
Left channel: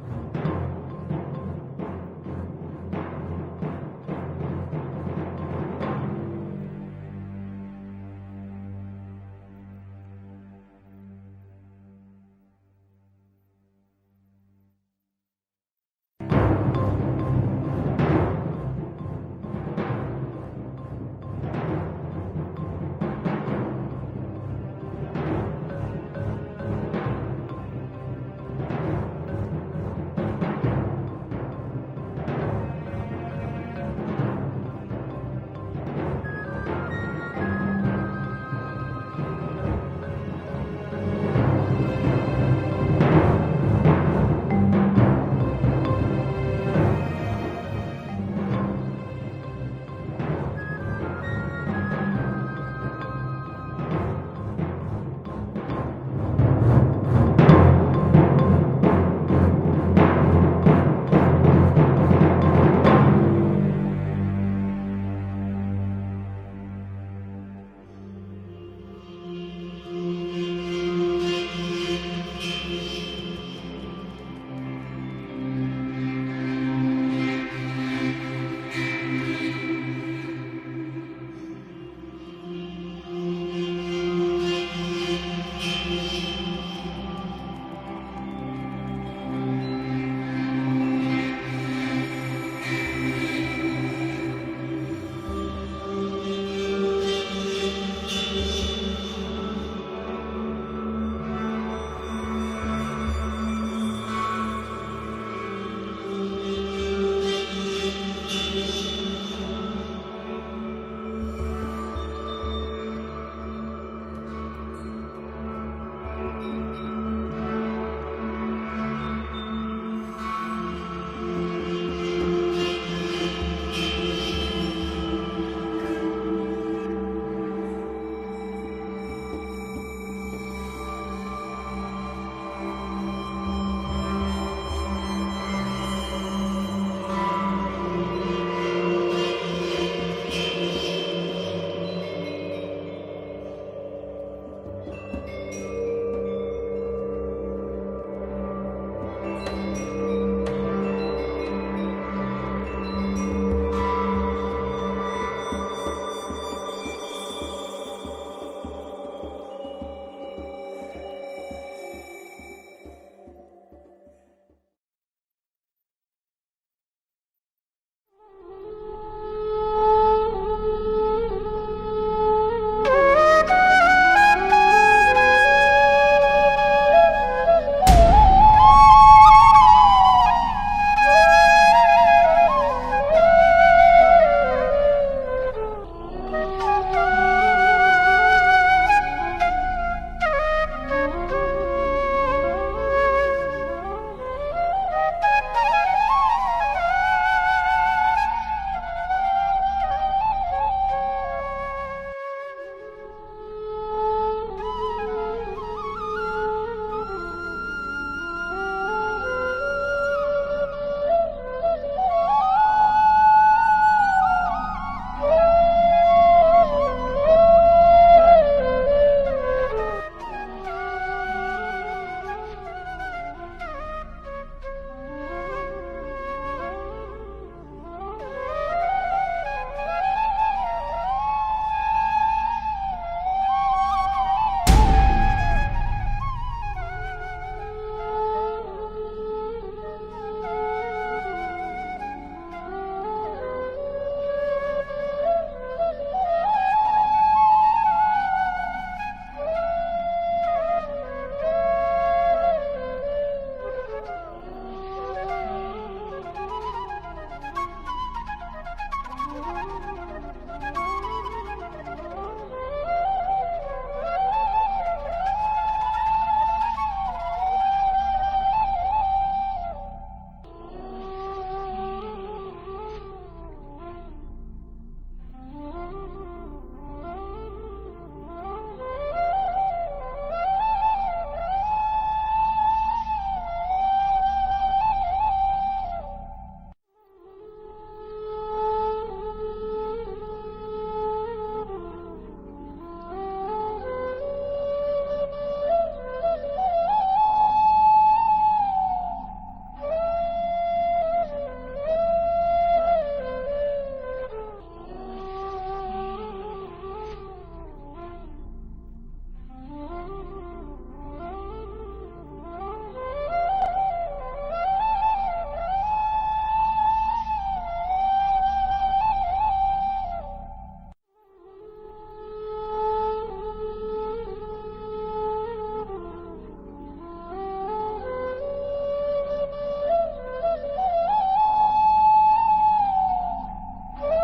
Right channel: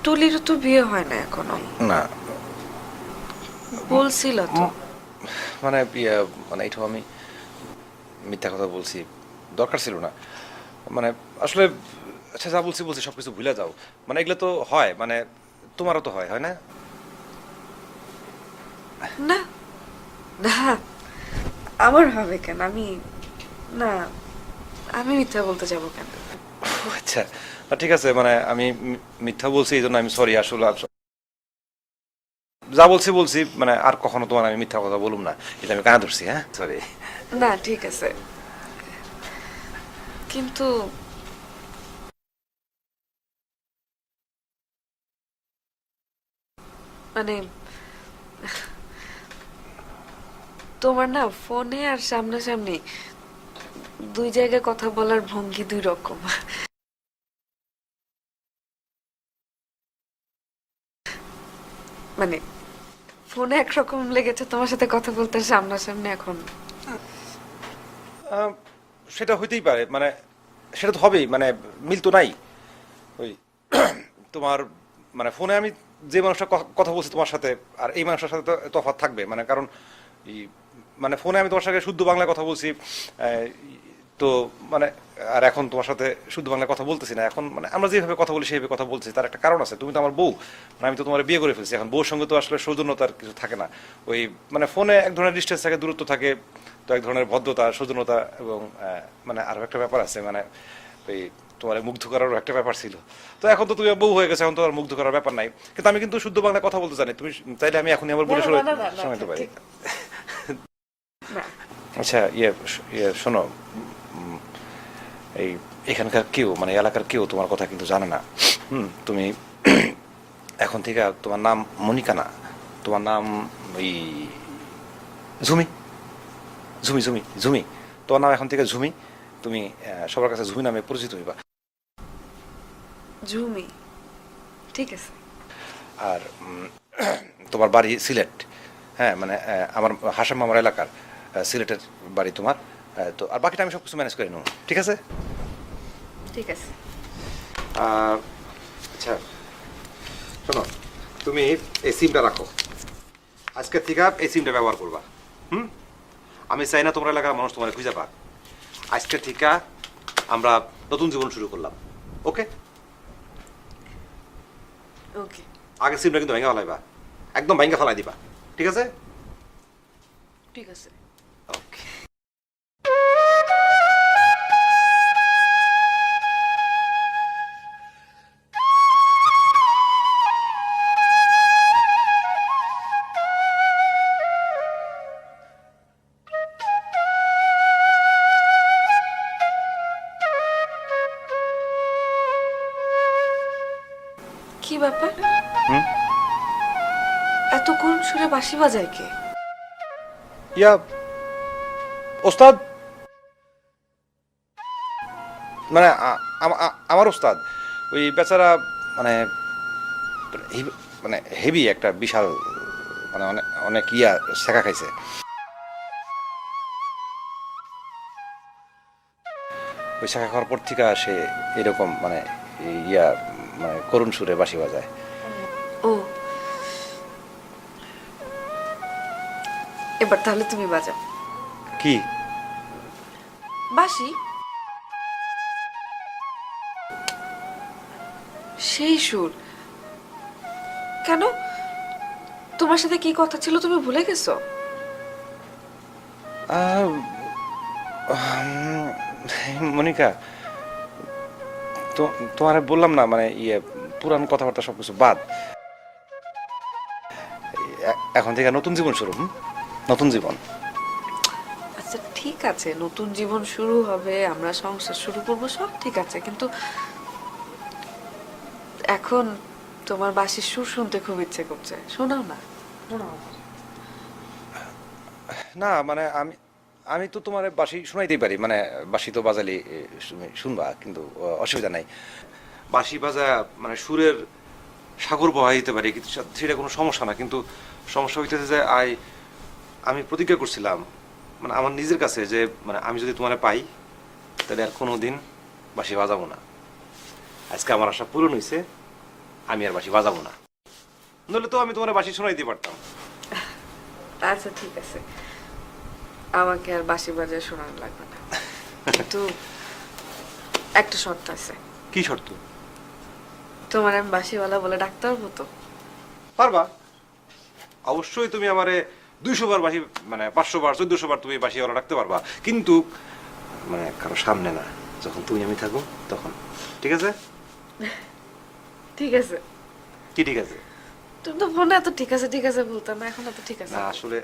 টুলিরও তো বিয়ে হয় না এখনো। না বলছিল তো। মানে ইয়ে, মানে এইটা আমি মিথ্যা কথা বলছি, দরকার ছিল না। মানে আসলে আচ্ছা, যা বলছি বলছি, সবকিছু ভুলে যাও। মানে এগুলো তো হয়, মানে তোমারও তো হয়, হয় না? না না, আমার হবে কেন? আমি না, আমি মিথ্যা বলতে যাবো কেন? আচ্ছা ঠিক আছে, মানে আমি মিথ্যা বলছি, এই জন্য আমি সরি। আসলে যা বলছি বলছি, মানে আর কখনো তোমার আমি মিথ্যা কথা বলুম না, এটা আমি কানা ধরছি। হ্যাঁ, সরি। না ঠিক আছে, কিন্তু মানে তোমার না ফোনে আর সামনাসামনি দুই জায়গায় কথা বলার ভঙ্গি দুই রকম। মানে ফোনে একরকম লেগেছে তোমার সাথে কথা বলতে, সামনাসামনি এখন সেটা হইতেই পারে, মানে সেটা তো হবেই, মানে মিল তো নাই। ওই তোমার মানে ফোনে আমি যে মানুষটা কথা বলছি তোমার সাথে, আর এই মানুষটার সাথে তো তফাৎ থাকবে। মানে কারণ মানে ফোনে আমি তোমার সাথে শুদ্ধ বাংলায় কথা বলছি, তো মানে আর এখন তোমার সাথে শুদ্ধ বাংলায় কথা বলতেছি না। এখন মানে আমরা যেভাবে কথা বলি সেইভাবে কথা বলছি, তার একটা কারণ আছে। তুমি তো আমার বউ, মানে আমি তো তোমার বিয়ে করে ফেলছি। এখন বউর সঙ্গে তো আসলে সৌজন্যতা থাকে না। ওই মানে ফোনে এক ধরনের ডিস্টেন্স থাকে, দূরত্ব থাকে, তো এক ধরনের ভদ্রতা, সৌজন্যতা এবং মানে আরও একটা ব্যাপার আছে, মানে ওই তোমার মুগ্ধ করারও একটা ব্যাপার ছিল। তো এখন তো তুমি বউ হয়ে গেছে, এখন তো আর মুগ্ধ করার ব্যাপার নাই। কিন্তু আমি কিন্তু শুদ্ধ বাংলায় কথা বলতে জানি, তুমি চাইলে আমি এখনই আবার বলে শোনাতে পারি। আচ্ছা ইয়ে শোনো, এই এখানকার কেউ, মানে এলাকার কেউ তোমার কথা কিন্তু জানে না। তুমি এখন থেকে তোমার নাম মনিকা না, তোমার নাম এই ঝুমি। ঝুমি ঝুমি ঝুমি, তোমার নাম এখন থেকে ঝুমি। তুমি সবার কাছে ঝুমি নামে পরিচিত হইবা। ঝুমি, ঠিক আছে। আর তোমার বাড়ি সিলেট। হ্যাঁ, মানে আমার হাসেম মামার এলাকার সিলেটের বাড়ি তোমার। তো আর বাকিটা আমি সব কিছু ম্যানেজ করে নেব, ঠিক আছে? আচ্ছা শোনো, তুমি এই সিমটা রাখো, আজকের থেকে এই সিমটা ব্যবহার করবা। আমি চাই না তোমরা এলাকার মানুষ তোমার খুঁজে পা। আজকের থেকে আমরা নতুন জীবন শুরু করলাম, ওকে? ওকে। আগে সিমটা কিন্তু ভেঙে ফেলাইবা, একদম ভেঙে ফেলাই দিবা, ঠিক আছে? ঠিক আছে। কি ব্যাপার? এত কোন সুরে বাঁশি বাজায় কে? ইয়া ওস্তাদ, মানে আমার ওস্তাদ, ওই বেচারা মানে মানে হেভি একটা বিশাল মানে অনেক অনেক ইয়া শেখা খাইছে। ওই শেখা খাওয়ার পর থেকে সে এরকম মানে ইয়া মানে করুণ সুরে বাঁশি বাজায়। ও, এবার তাহলে তুমি বাজাও কি? বাঁশি। সেই সুর। কেন, তোমার সাথে কি কথা ছিল তুমি ভুলে গেছো? মনিকা, তো তোমার বললাম না মানে ইয়ে পুরান কথাবার্তা সবকিছু বাদ, এখন থেকে নতুন জীবন শুরু। নতুন জীবন। আচ্ছা ঠিক আছে, নতুন জীবন শুরু হবে, আমরা সংসার শুরু করবো, সব ঠিক আছে, কিন্তু এখন তোমার বাঁশির সুর শুনতে খুব ইচ্ছে করছে, শোনাও না। না মানে আমি তো তোমার বাঁশি শোনাইতেই পারি, মানে বাঁশি তো বাজালি শুনবা, কিন্তু অসুবিধা নাই। বাঁশি বাজা মানে সুরের সাগর বহাইতে পারি, কিন্তু সেটা কোনো সমস্যা না। কিন্তু সমস্যা হইতেছে যে আমি প্রতিজ্ঞা করছিলাম মানে আমার নিজের কাছে যে মানে আমি যদি তোমার পাই তাহলে আর কোনোদিন বাঁশি বাজাবো না। আজকে আমার আশা পূরণ হয়েছে, আমি আর বাঁশি বাজাবো না, নইলে তো আমি তোমার বাঁশি শোনাইতে পারতাম। আচ্ছা ঠিক আছে, আমাকে আর বাঁশি বাজায় শোনানো লাগবে না, কিন্তু একটা শর্ত আছে। কি শর্ত? তোমার আমি বাঁশিওয়ালা বলে ডাকতে পারবো তো? পারবা, অবশ্যই। তুমি আমারে 200 বার বাঁশি মানে 500 বার 1400 বার তুমি বাঁশিওয়ালা রাখতে পারবা, কিন্তু মানে কারো সামনে না, যখন তুমি আমি থাকো তখন, ঠিক আছে? ঠিক আছে। কি ঠিক আছে? তুমি তো ফোনে এত ঠিক আছে ঠিক আছে বলতাম না, এখন এত ঠিক আছে। না আসলে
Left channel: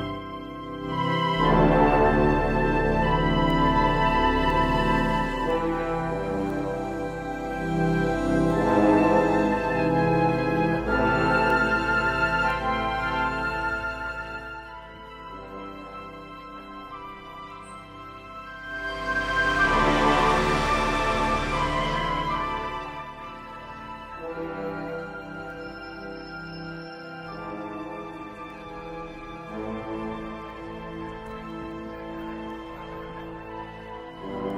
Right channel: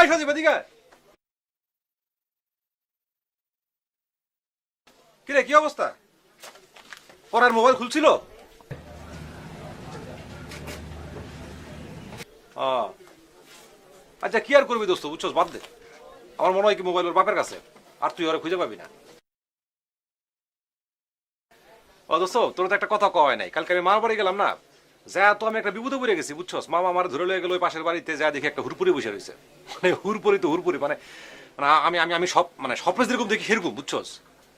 সজীব, সজীব এদিকে আয়। কিরে কি অবস্থা? পড়ার মোবাইল খুলছিল? আচ্ছা কি আর করবি দোস্ত, বুঝছস, বাদ দে। আমার মনে হয় কি মোবাইল ওর বাপের কাছে, আর তুই ওরা খুঁজে পাবি না। দোস্ত তোর তো একটা কথা কওয়া হয় নাই, কালকে আমি মার বাড়ি গেলাম না, যা তো আমি একটা বিপদে পড়ে গেছি, বুঝছস। মামা আমার ধরে লয়ে গেল ওই পাশের বাড়িতে, যা দেখে একটা হুরপুরি বসে রয়েছে, মানে হুরপুরি তো হুরপুরি, মানে আমি আমি আমি সব মানে স্বপ্নে যেরকম দেখি সেরকম, বুঝছস।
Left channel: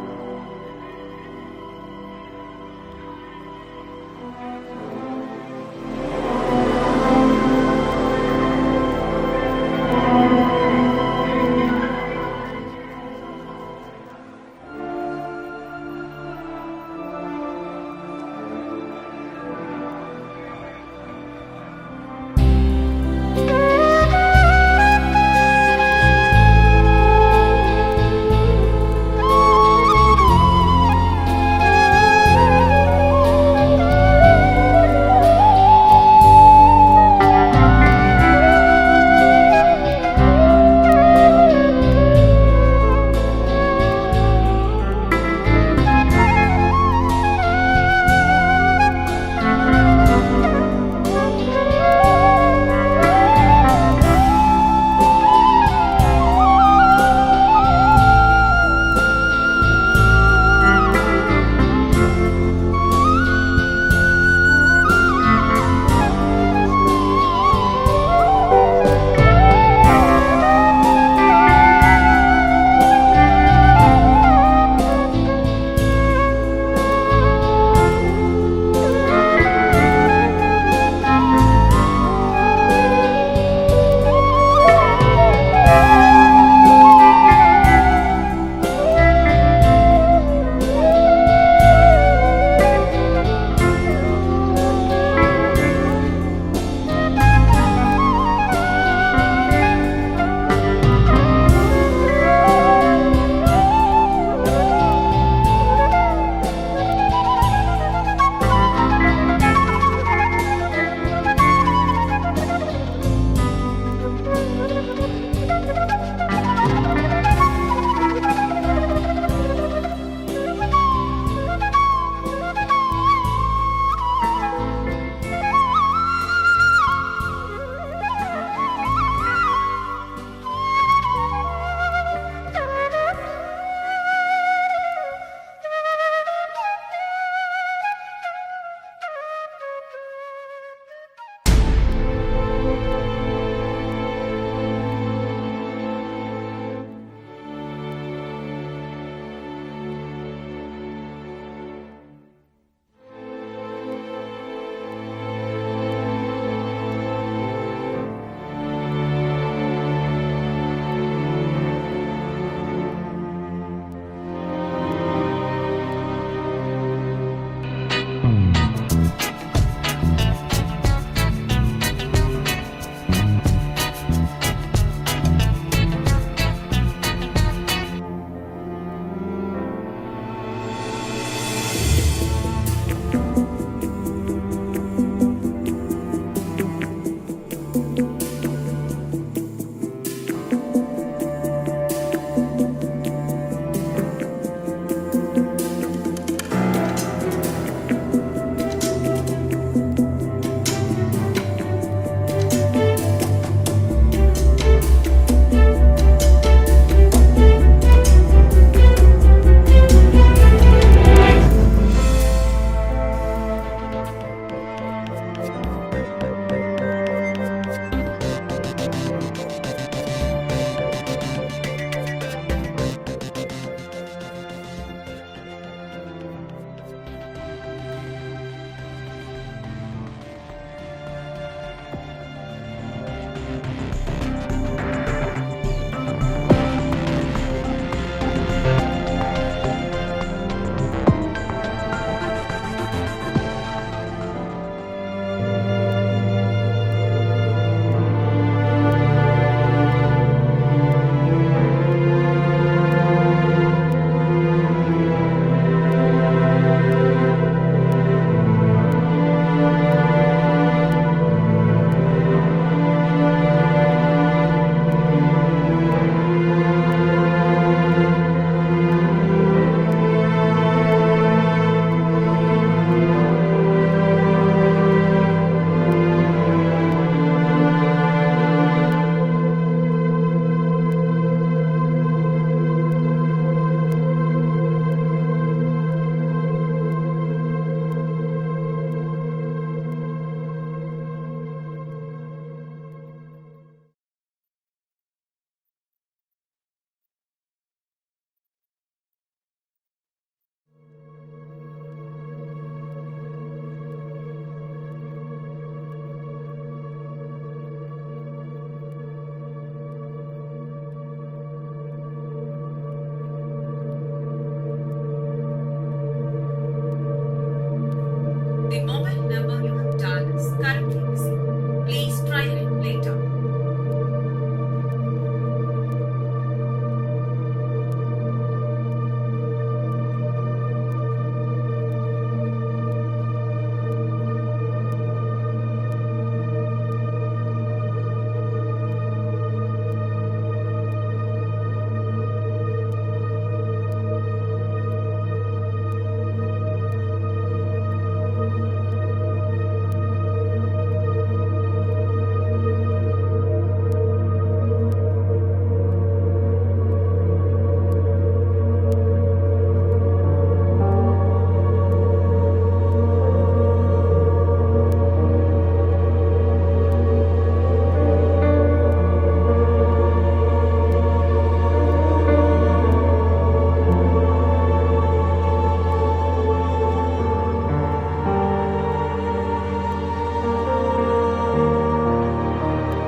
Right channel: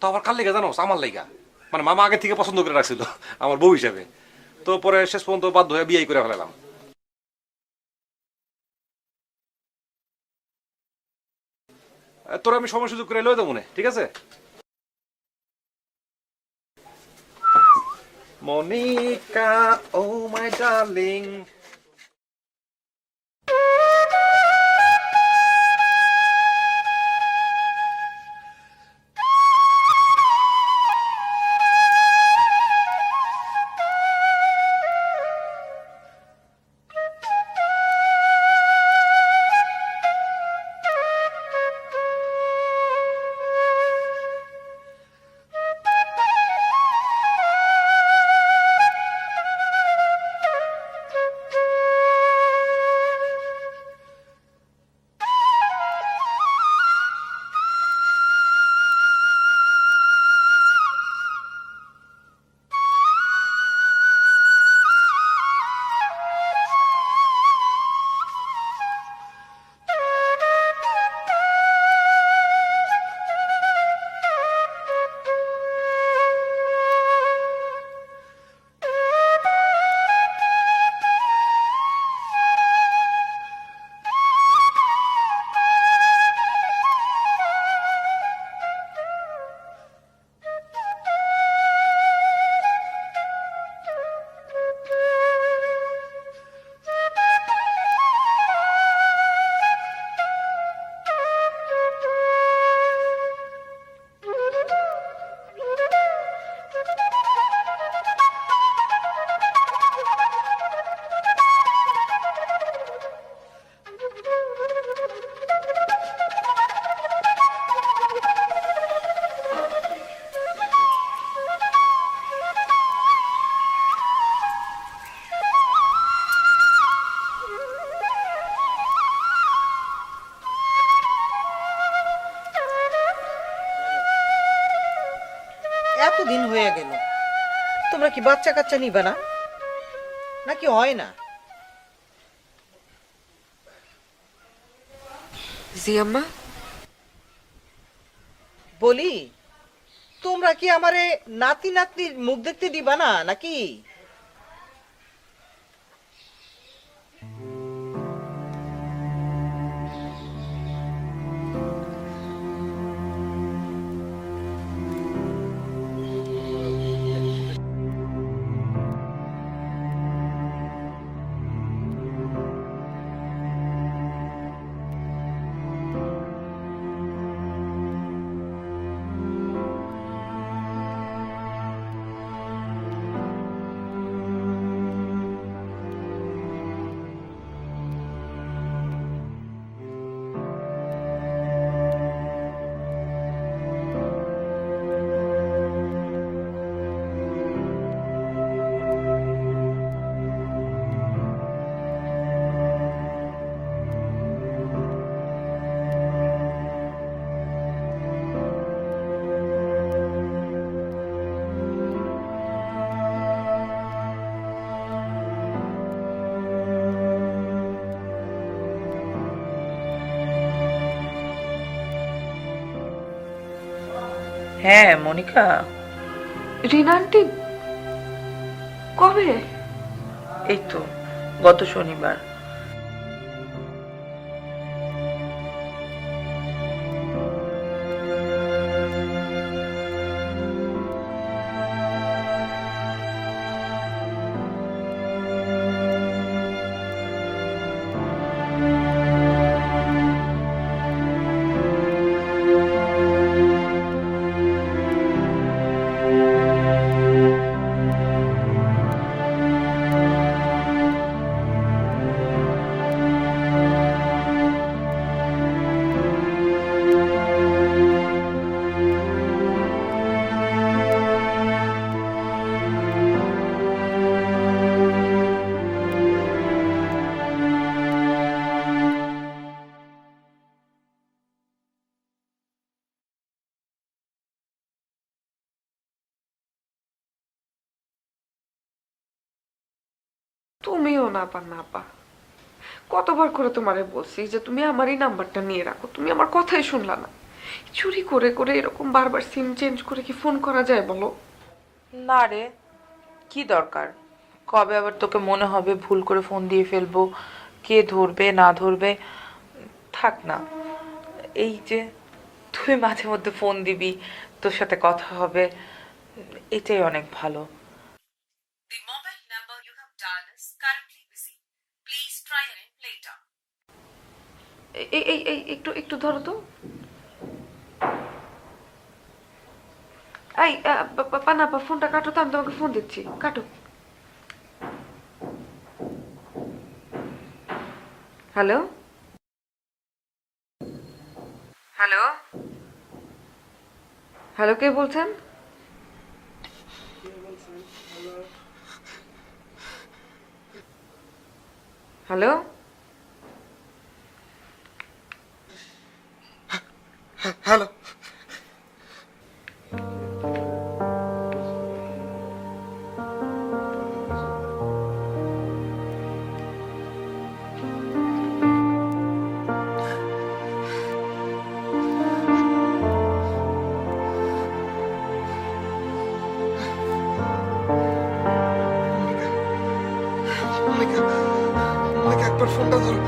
তো আমার কাল লেগে জানো, আমার লেগা মানে মামা আগে থেকে পছন্দ করে রাখছিল আমার বউ হিসাবে, তো পরে শেষ পর্যন্ত বাধ্য হয়ে বিয়ে করে ফেলা। তোর আমি সময় সুযোগ করে লয়ে দেবো মনে, ঠিক আছে? Monica, oh my darling. বাচ্চা কাচ্চা নিবে না নাকি হয় না? জি আম্মা। বলি তোমরা কি আমারে নাতি নাতনির মুখ দেখতে দিবা না নাকি? হ্যাঁ মনিকা, রিনা আন্টি কবে? এই তো গত শনিবার। তুমিও না পা না পা, কতবার করে তোমারে বলছি যে তুমি আমার এই নাম্বারটা নিয়ে রাখো, তুমি আমার কথাই শুনলা না। চুরি করে করে এরকম বারবার সিম চেঞ্জ করে কি ফোন করা যায় বলো? না রে, কি দরকার? কবে আবার তোকে মনে হবে ভুল করে ফোন দিয়ে ফেলবো, কে ধরবে না ধরবে? থাক না, এই যে তুই মাঝে মধ্যে ফোন দিবি, তোর সাথে কথা হবে, এটাই অনেক ভালো। The mobile number you have dialed is currently busy. Please try it later. এই এই এই একটু একটু ধরো তো। এই পানা পা, ফোনটা কাটো তো, আমি তোমাকে ফোন দিচ্ছি, কাটো। হ্যালো হ্যালো হ্যালো, কে বলছেন? হ্যালো হ্যালো, একবার ফোনটা ধরো।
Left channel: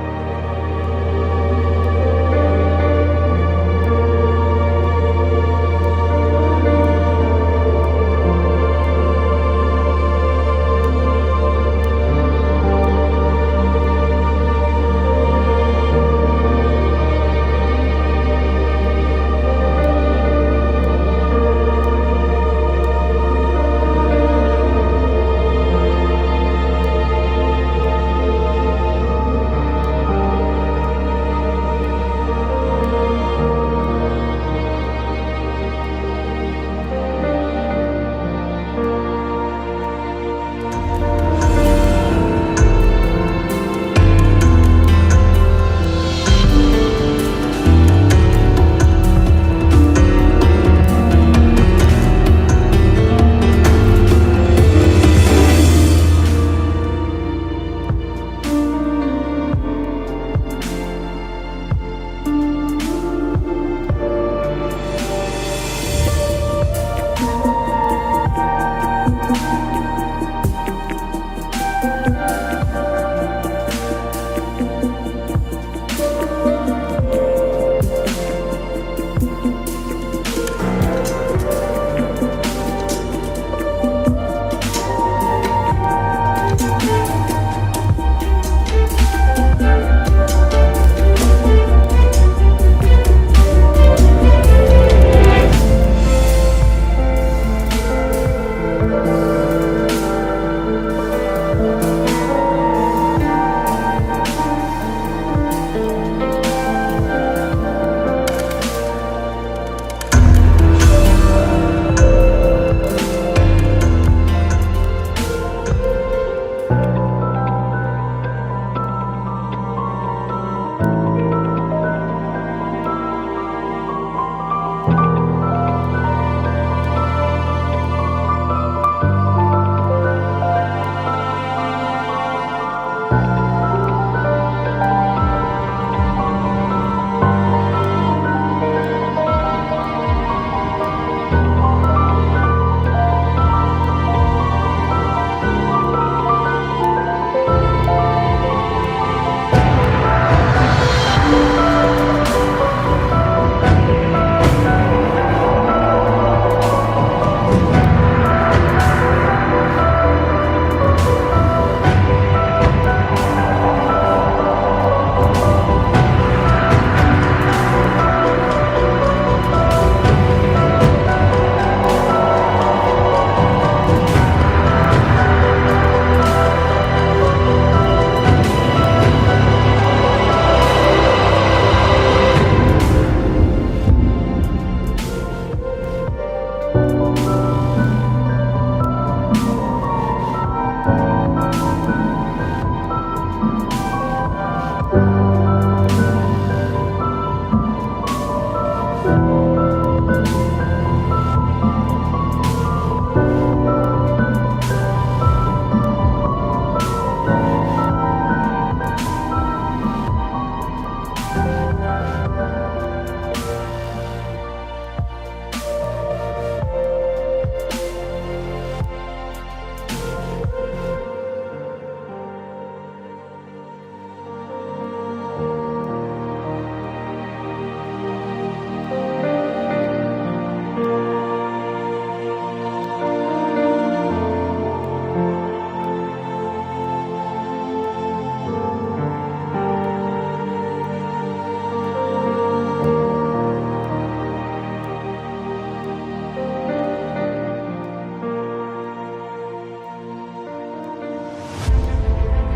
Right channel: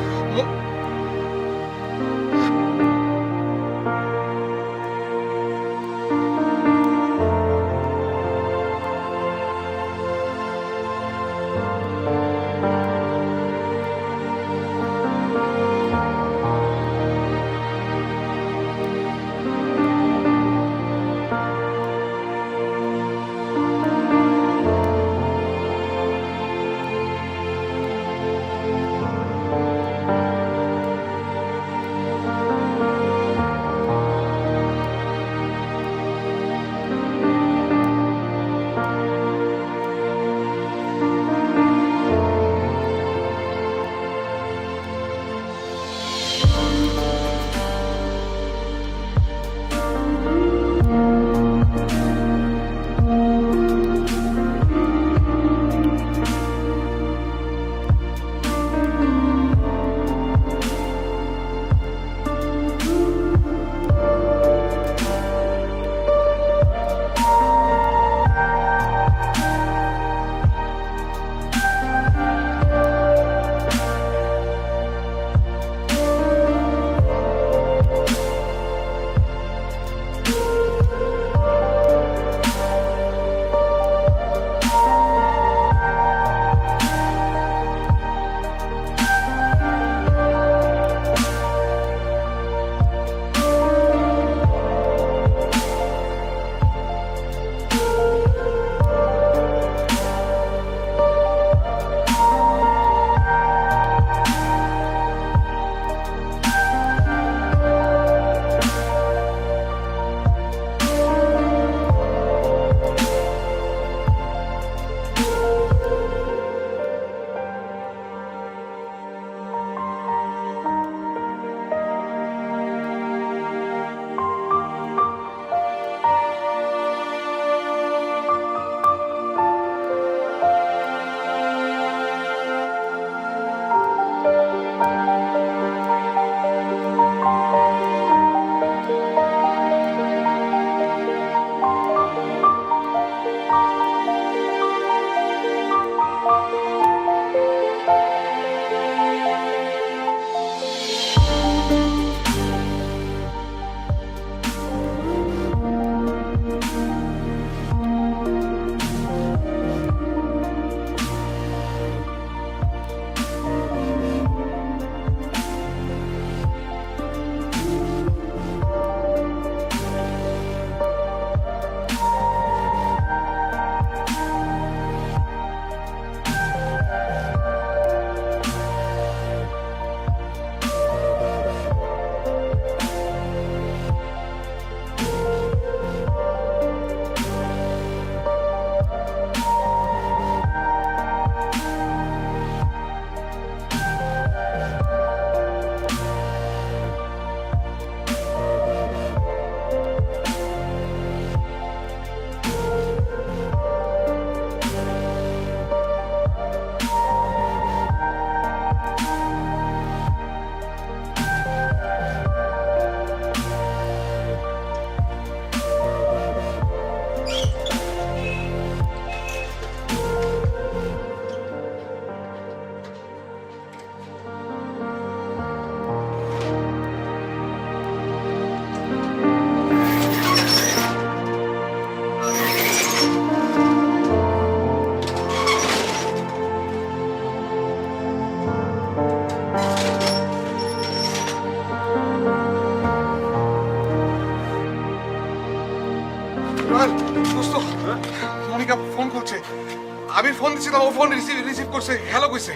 কইছে হ্যালো কইছে।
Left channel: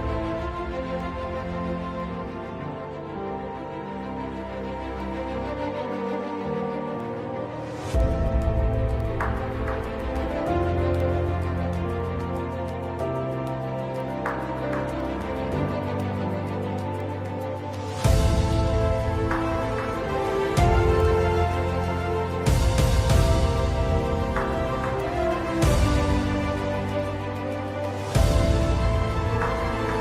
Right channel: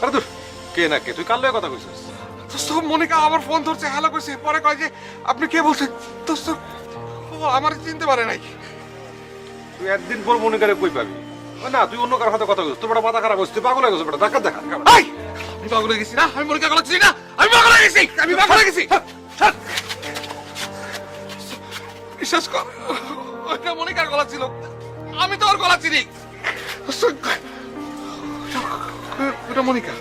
আরে তোর কে না কে, তুই কার লগে কথা কইছিস? দোস্ত মনিকা আমার ফোন ধরছে, হ্যালো কইছে, পরে কয় যে আপনি কে বলছেন। দোস্ত ও আমার চিনতে পারে নাই। তুই একদিন পর মনিকারে কই পাবি? না তুই অন্য কারোর সাথে কথা কইছিস, তোর মাথা খারাপ হইছে, তুই পাগল হয়ে গেছিস, বেটা দেখা দেখা। এই আমি পাগল হয়ে গেছি না, আমি মনিকা গলা চিনি না, আমি পাগল হয়ে গেছি, আমি পাগল হয়ে গেছি। বিশ্বাস কর ওটা মনিকার গলা ছিল, আমি তো ওর গলা চিনি। ওটা মনিকা।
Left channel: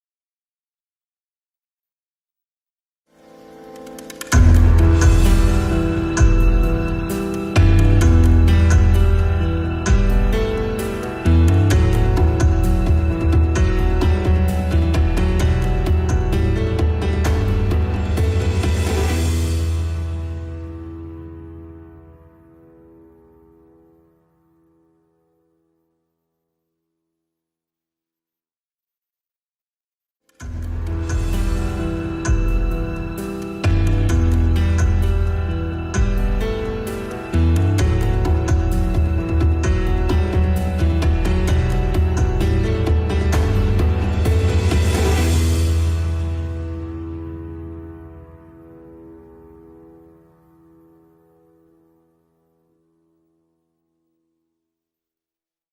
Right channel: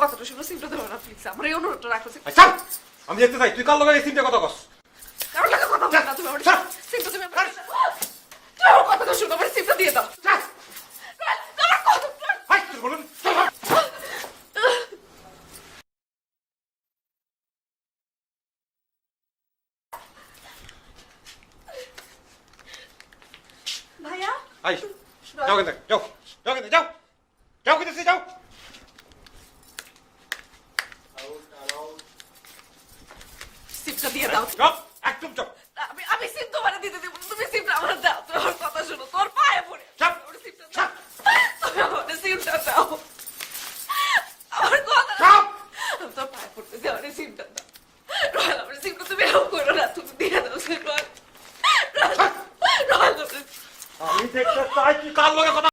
কথাটা শুনো, সিমটা ধরো না প্লিজ, আমার এই অনুরোধটা রাখো। আচ্ছা আমি দেখতে চাই তুই কার লগে এই তিনটা কথা কস। কথাটা শুনো, আমার সিমটা দিয়ে দাও। ভাইয়া আই যাও কেন, যাও যাও কেন, যাও যাও কেন, যাও। সিমটা দিয়ে দাও। যাও একদম যাও। আমি সিম তোমার দিতে দেবো, তুমি সিমটা আমার দাও। আমার কথা শুনো, তোর পায়ে পড়ি। যাও আমার সিমটা দাও। আমার কথা দাও। তোর পায়ে পড়তেছে, আমার সিমটা দাও। রয়্যাল, আমার সিমটা তুমি এরকম করো না, তুমি দিয়ে দাও সিমটা। রয়্যাল, আমি দেখতে চাই তুই কার লগে কথা।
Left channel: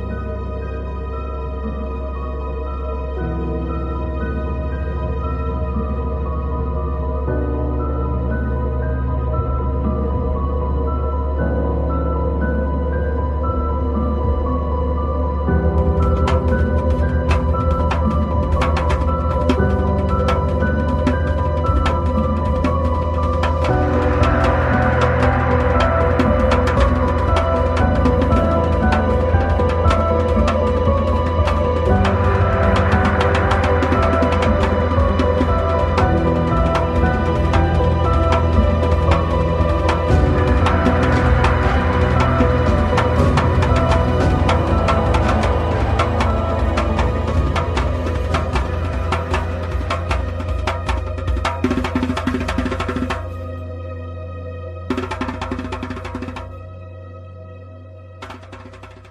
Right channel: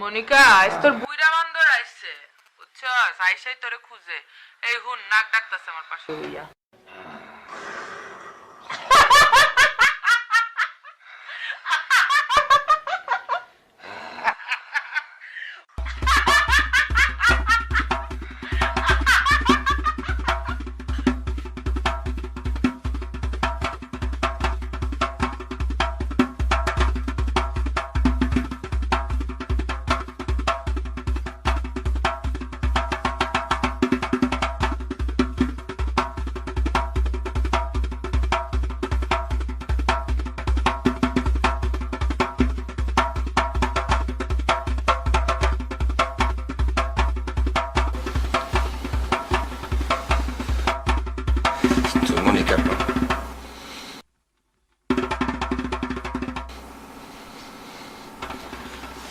মনিকা আজ তোর বুইরা বান্দর আইছে, বুঝছো? আইসাই তোরে খুঁজে, এই হুন নাক ডাকতাছে আমার পাশে দিয়া।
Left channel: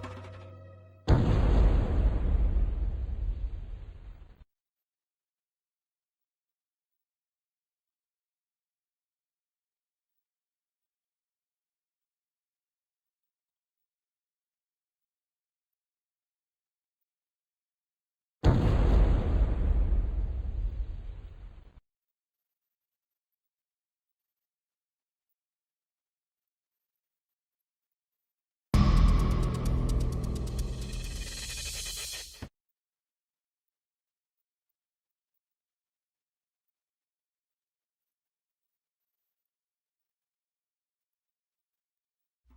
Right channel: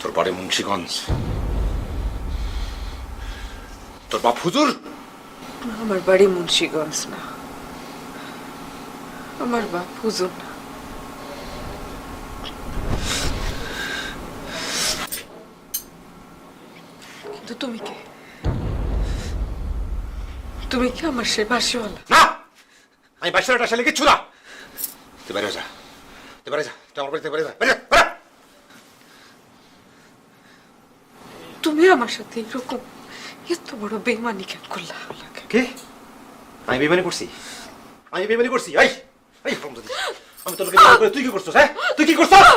তোর বাড়ি মুন্সিগঞ্জ, তোর বাপ হুজুর। আমার বাড়ি মুন্সিগঞ্জ না, আমার বাপ হুজুর না। কিন্তু তুমি কে? তুমি কি আমার সে বাসিওয়ালা? না, আমি বাচ্চাটা আসলে কিচ্ছু না। তুই বাইরে যা, তুই বাইরে যা, তুই আমার বাড়িতে বাইরে যা, বাইরে যা, বাইরে। তুমি আমার সাথে এরকম এত বড় বেইমানি কেন করলা? কি? আমি বেইমানি করছি? আমি বেইমানি করছি? এই এই হারামজাদি, আমি তোকে বেইমানি করে তুই কি করছিস? হ্যাঁ, তুই কি করছিস?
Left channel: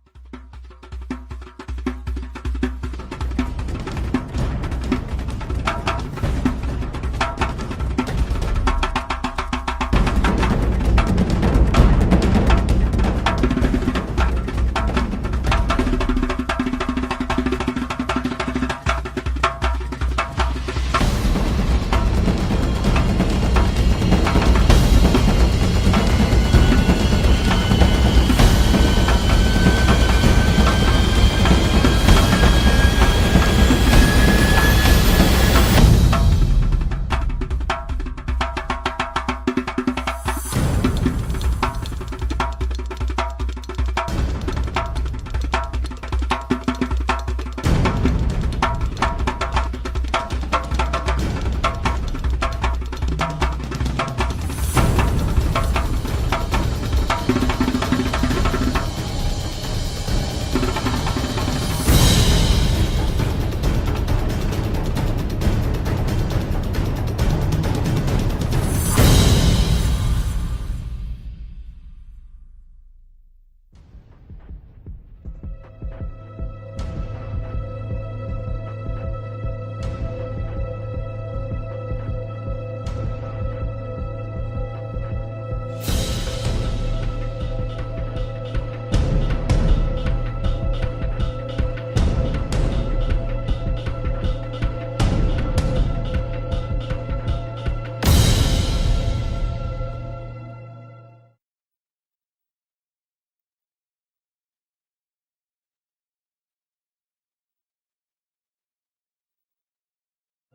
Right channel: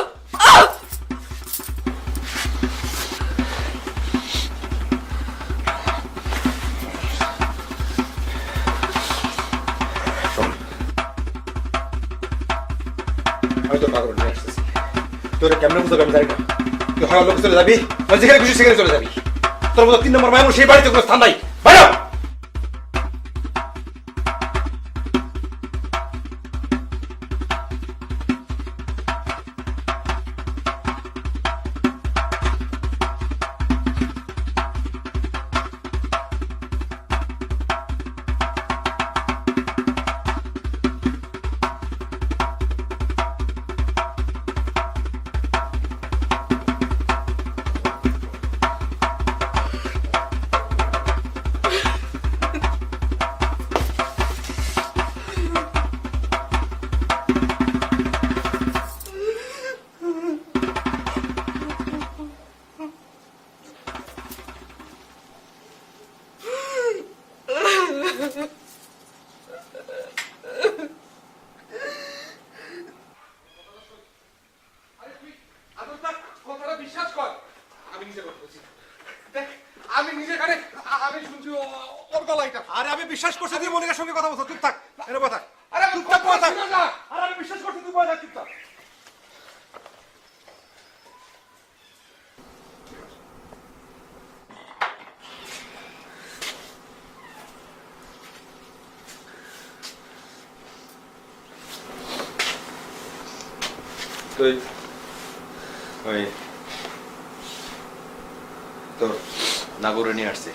আমি তো পাগল হয়ে গেছি। তোর কেমন বুঝতে পারবি? তুই হারাম লোক চলে যাবি, আর যেখানে খুশি সেখানে চলে যাবি। তোর মতো 3 নম্বর মায়ের সেই বাড়িতে কোনো স্থান নাই। বাইরে হ! আমি নিজে কানে আমি শুনছি ওর গলাটা। আরে আমি বিশ্বাস করছি তুই মনিকার সঙ্গে কথা বলছ। তুই থাক, এর কথা। আরে তুই থাক, কথা। আরে আমি বিশ্বাস করছি তুই বলে থাক। তুই ওই তোর নাগরে নিয়ে আসছে।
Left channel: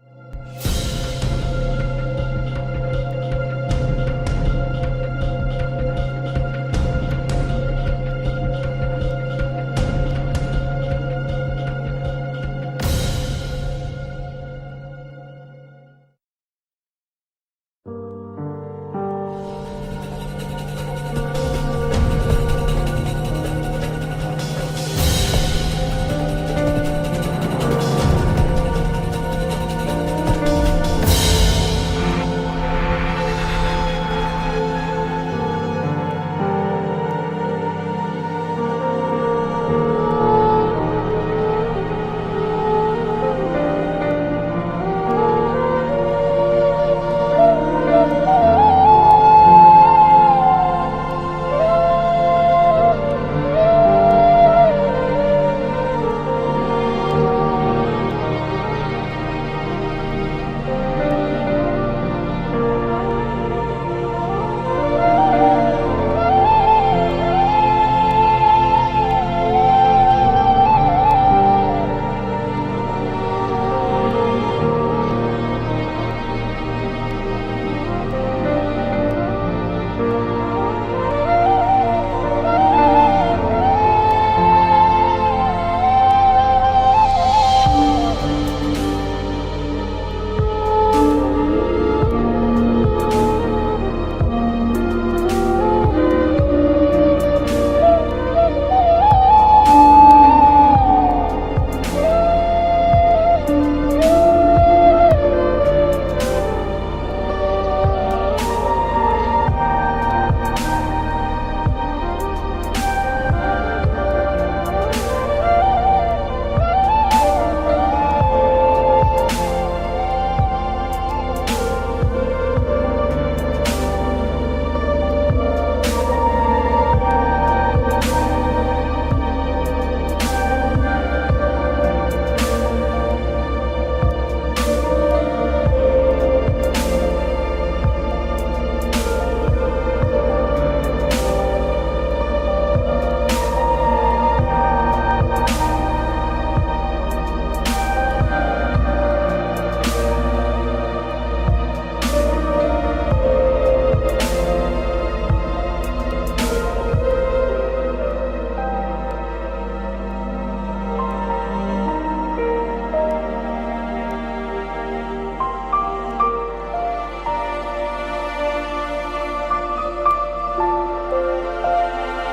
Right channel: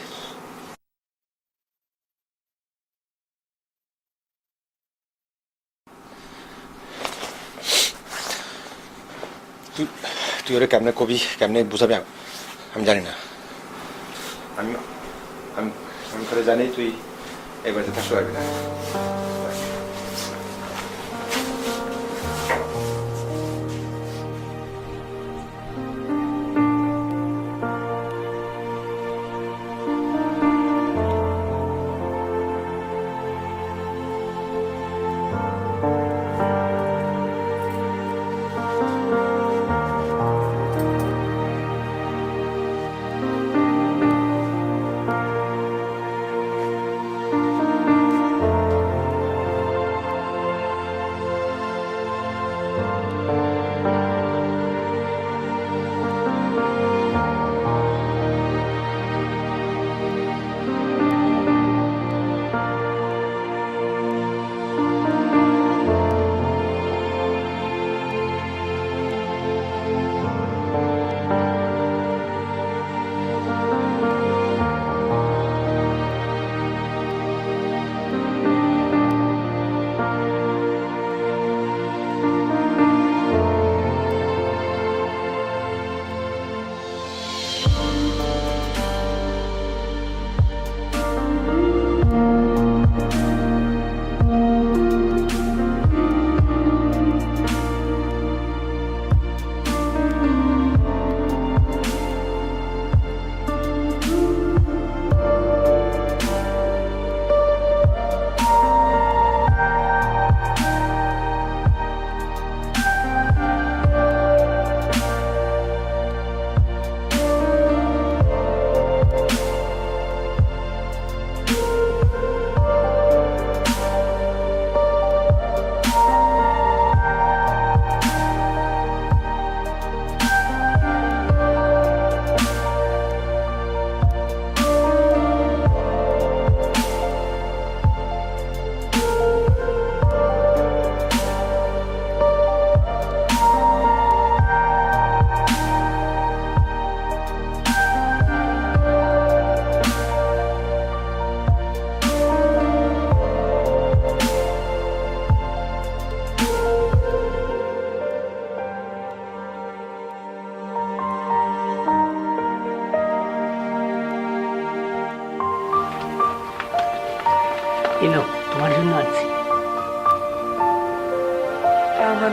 তুই ওরে কেমনে কবি, কেমনে বুঝাবি আমি জানি না। আমি আমি আমি করে জানি তুই এই বাড়িতে থাকতে পারবি না।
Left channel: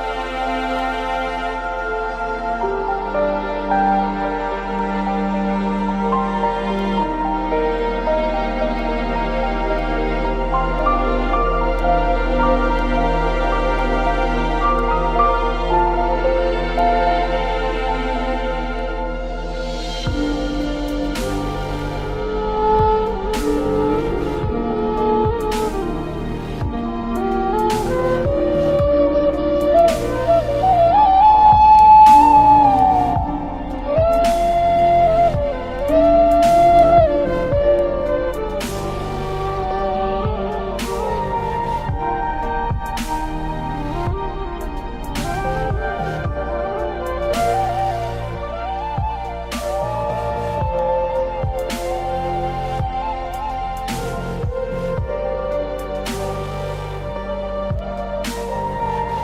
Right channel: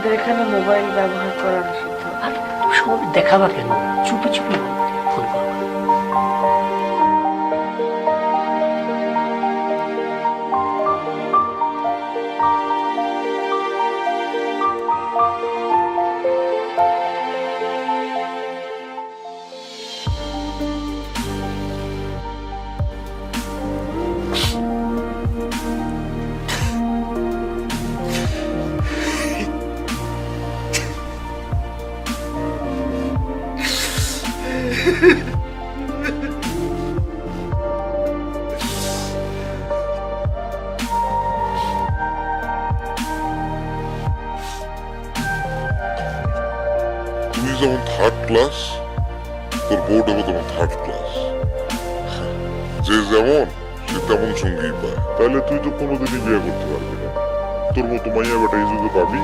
আমাদের এখানে মোবাইল ব্যবহার করা নিষিদ্ধ। আর তুমি সব দেখাবা কেন? চুপি চুপি ফোন করবা। তুই যেমন থার্ড ক্লাস, তোর বোর্ড হবে তেমন থার্ড ক্লাস। যে যেমন সে তেমন সঙ্গী পায়। তাহলে তুই তো কোনোদিনই বিয়ে করতে পারবি না। তোর মতো মাইয়া বেটা এই যুগে পাবি?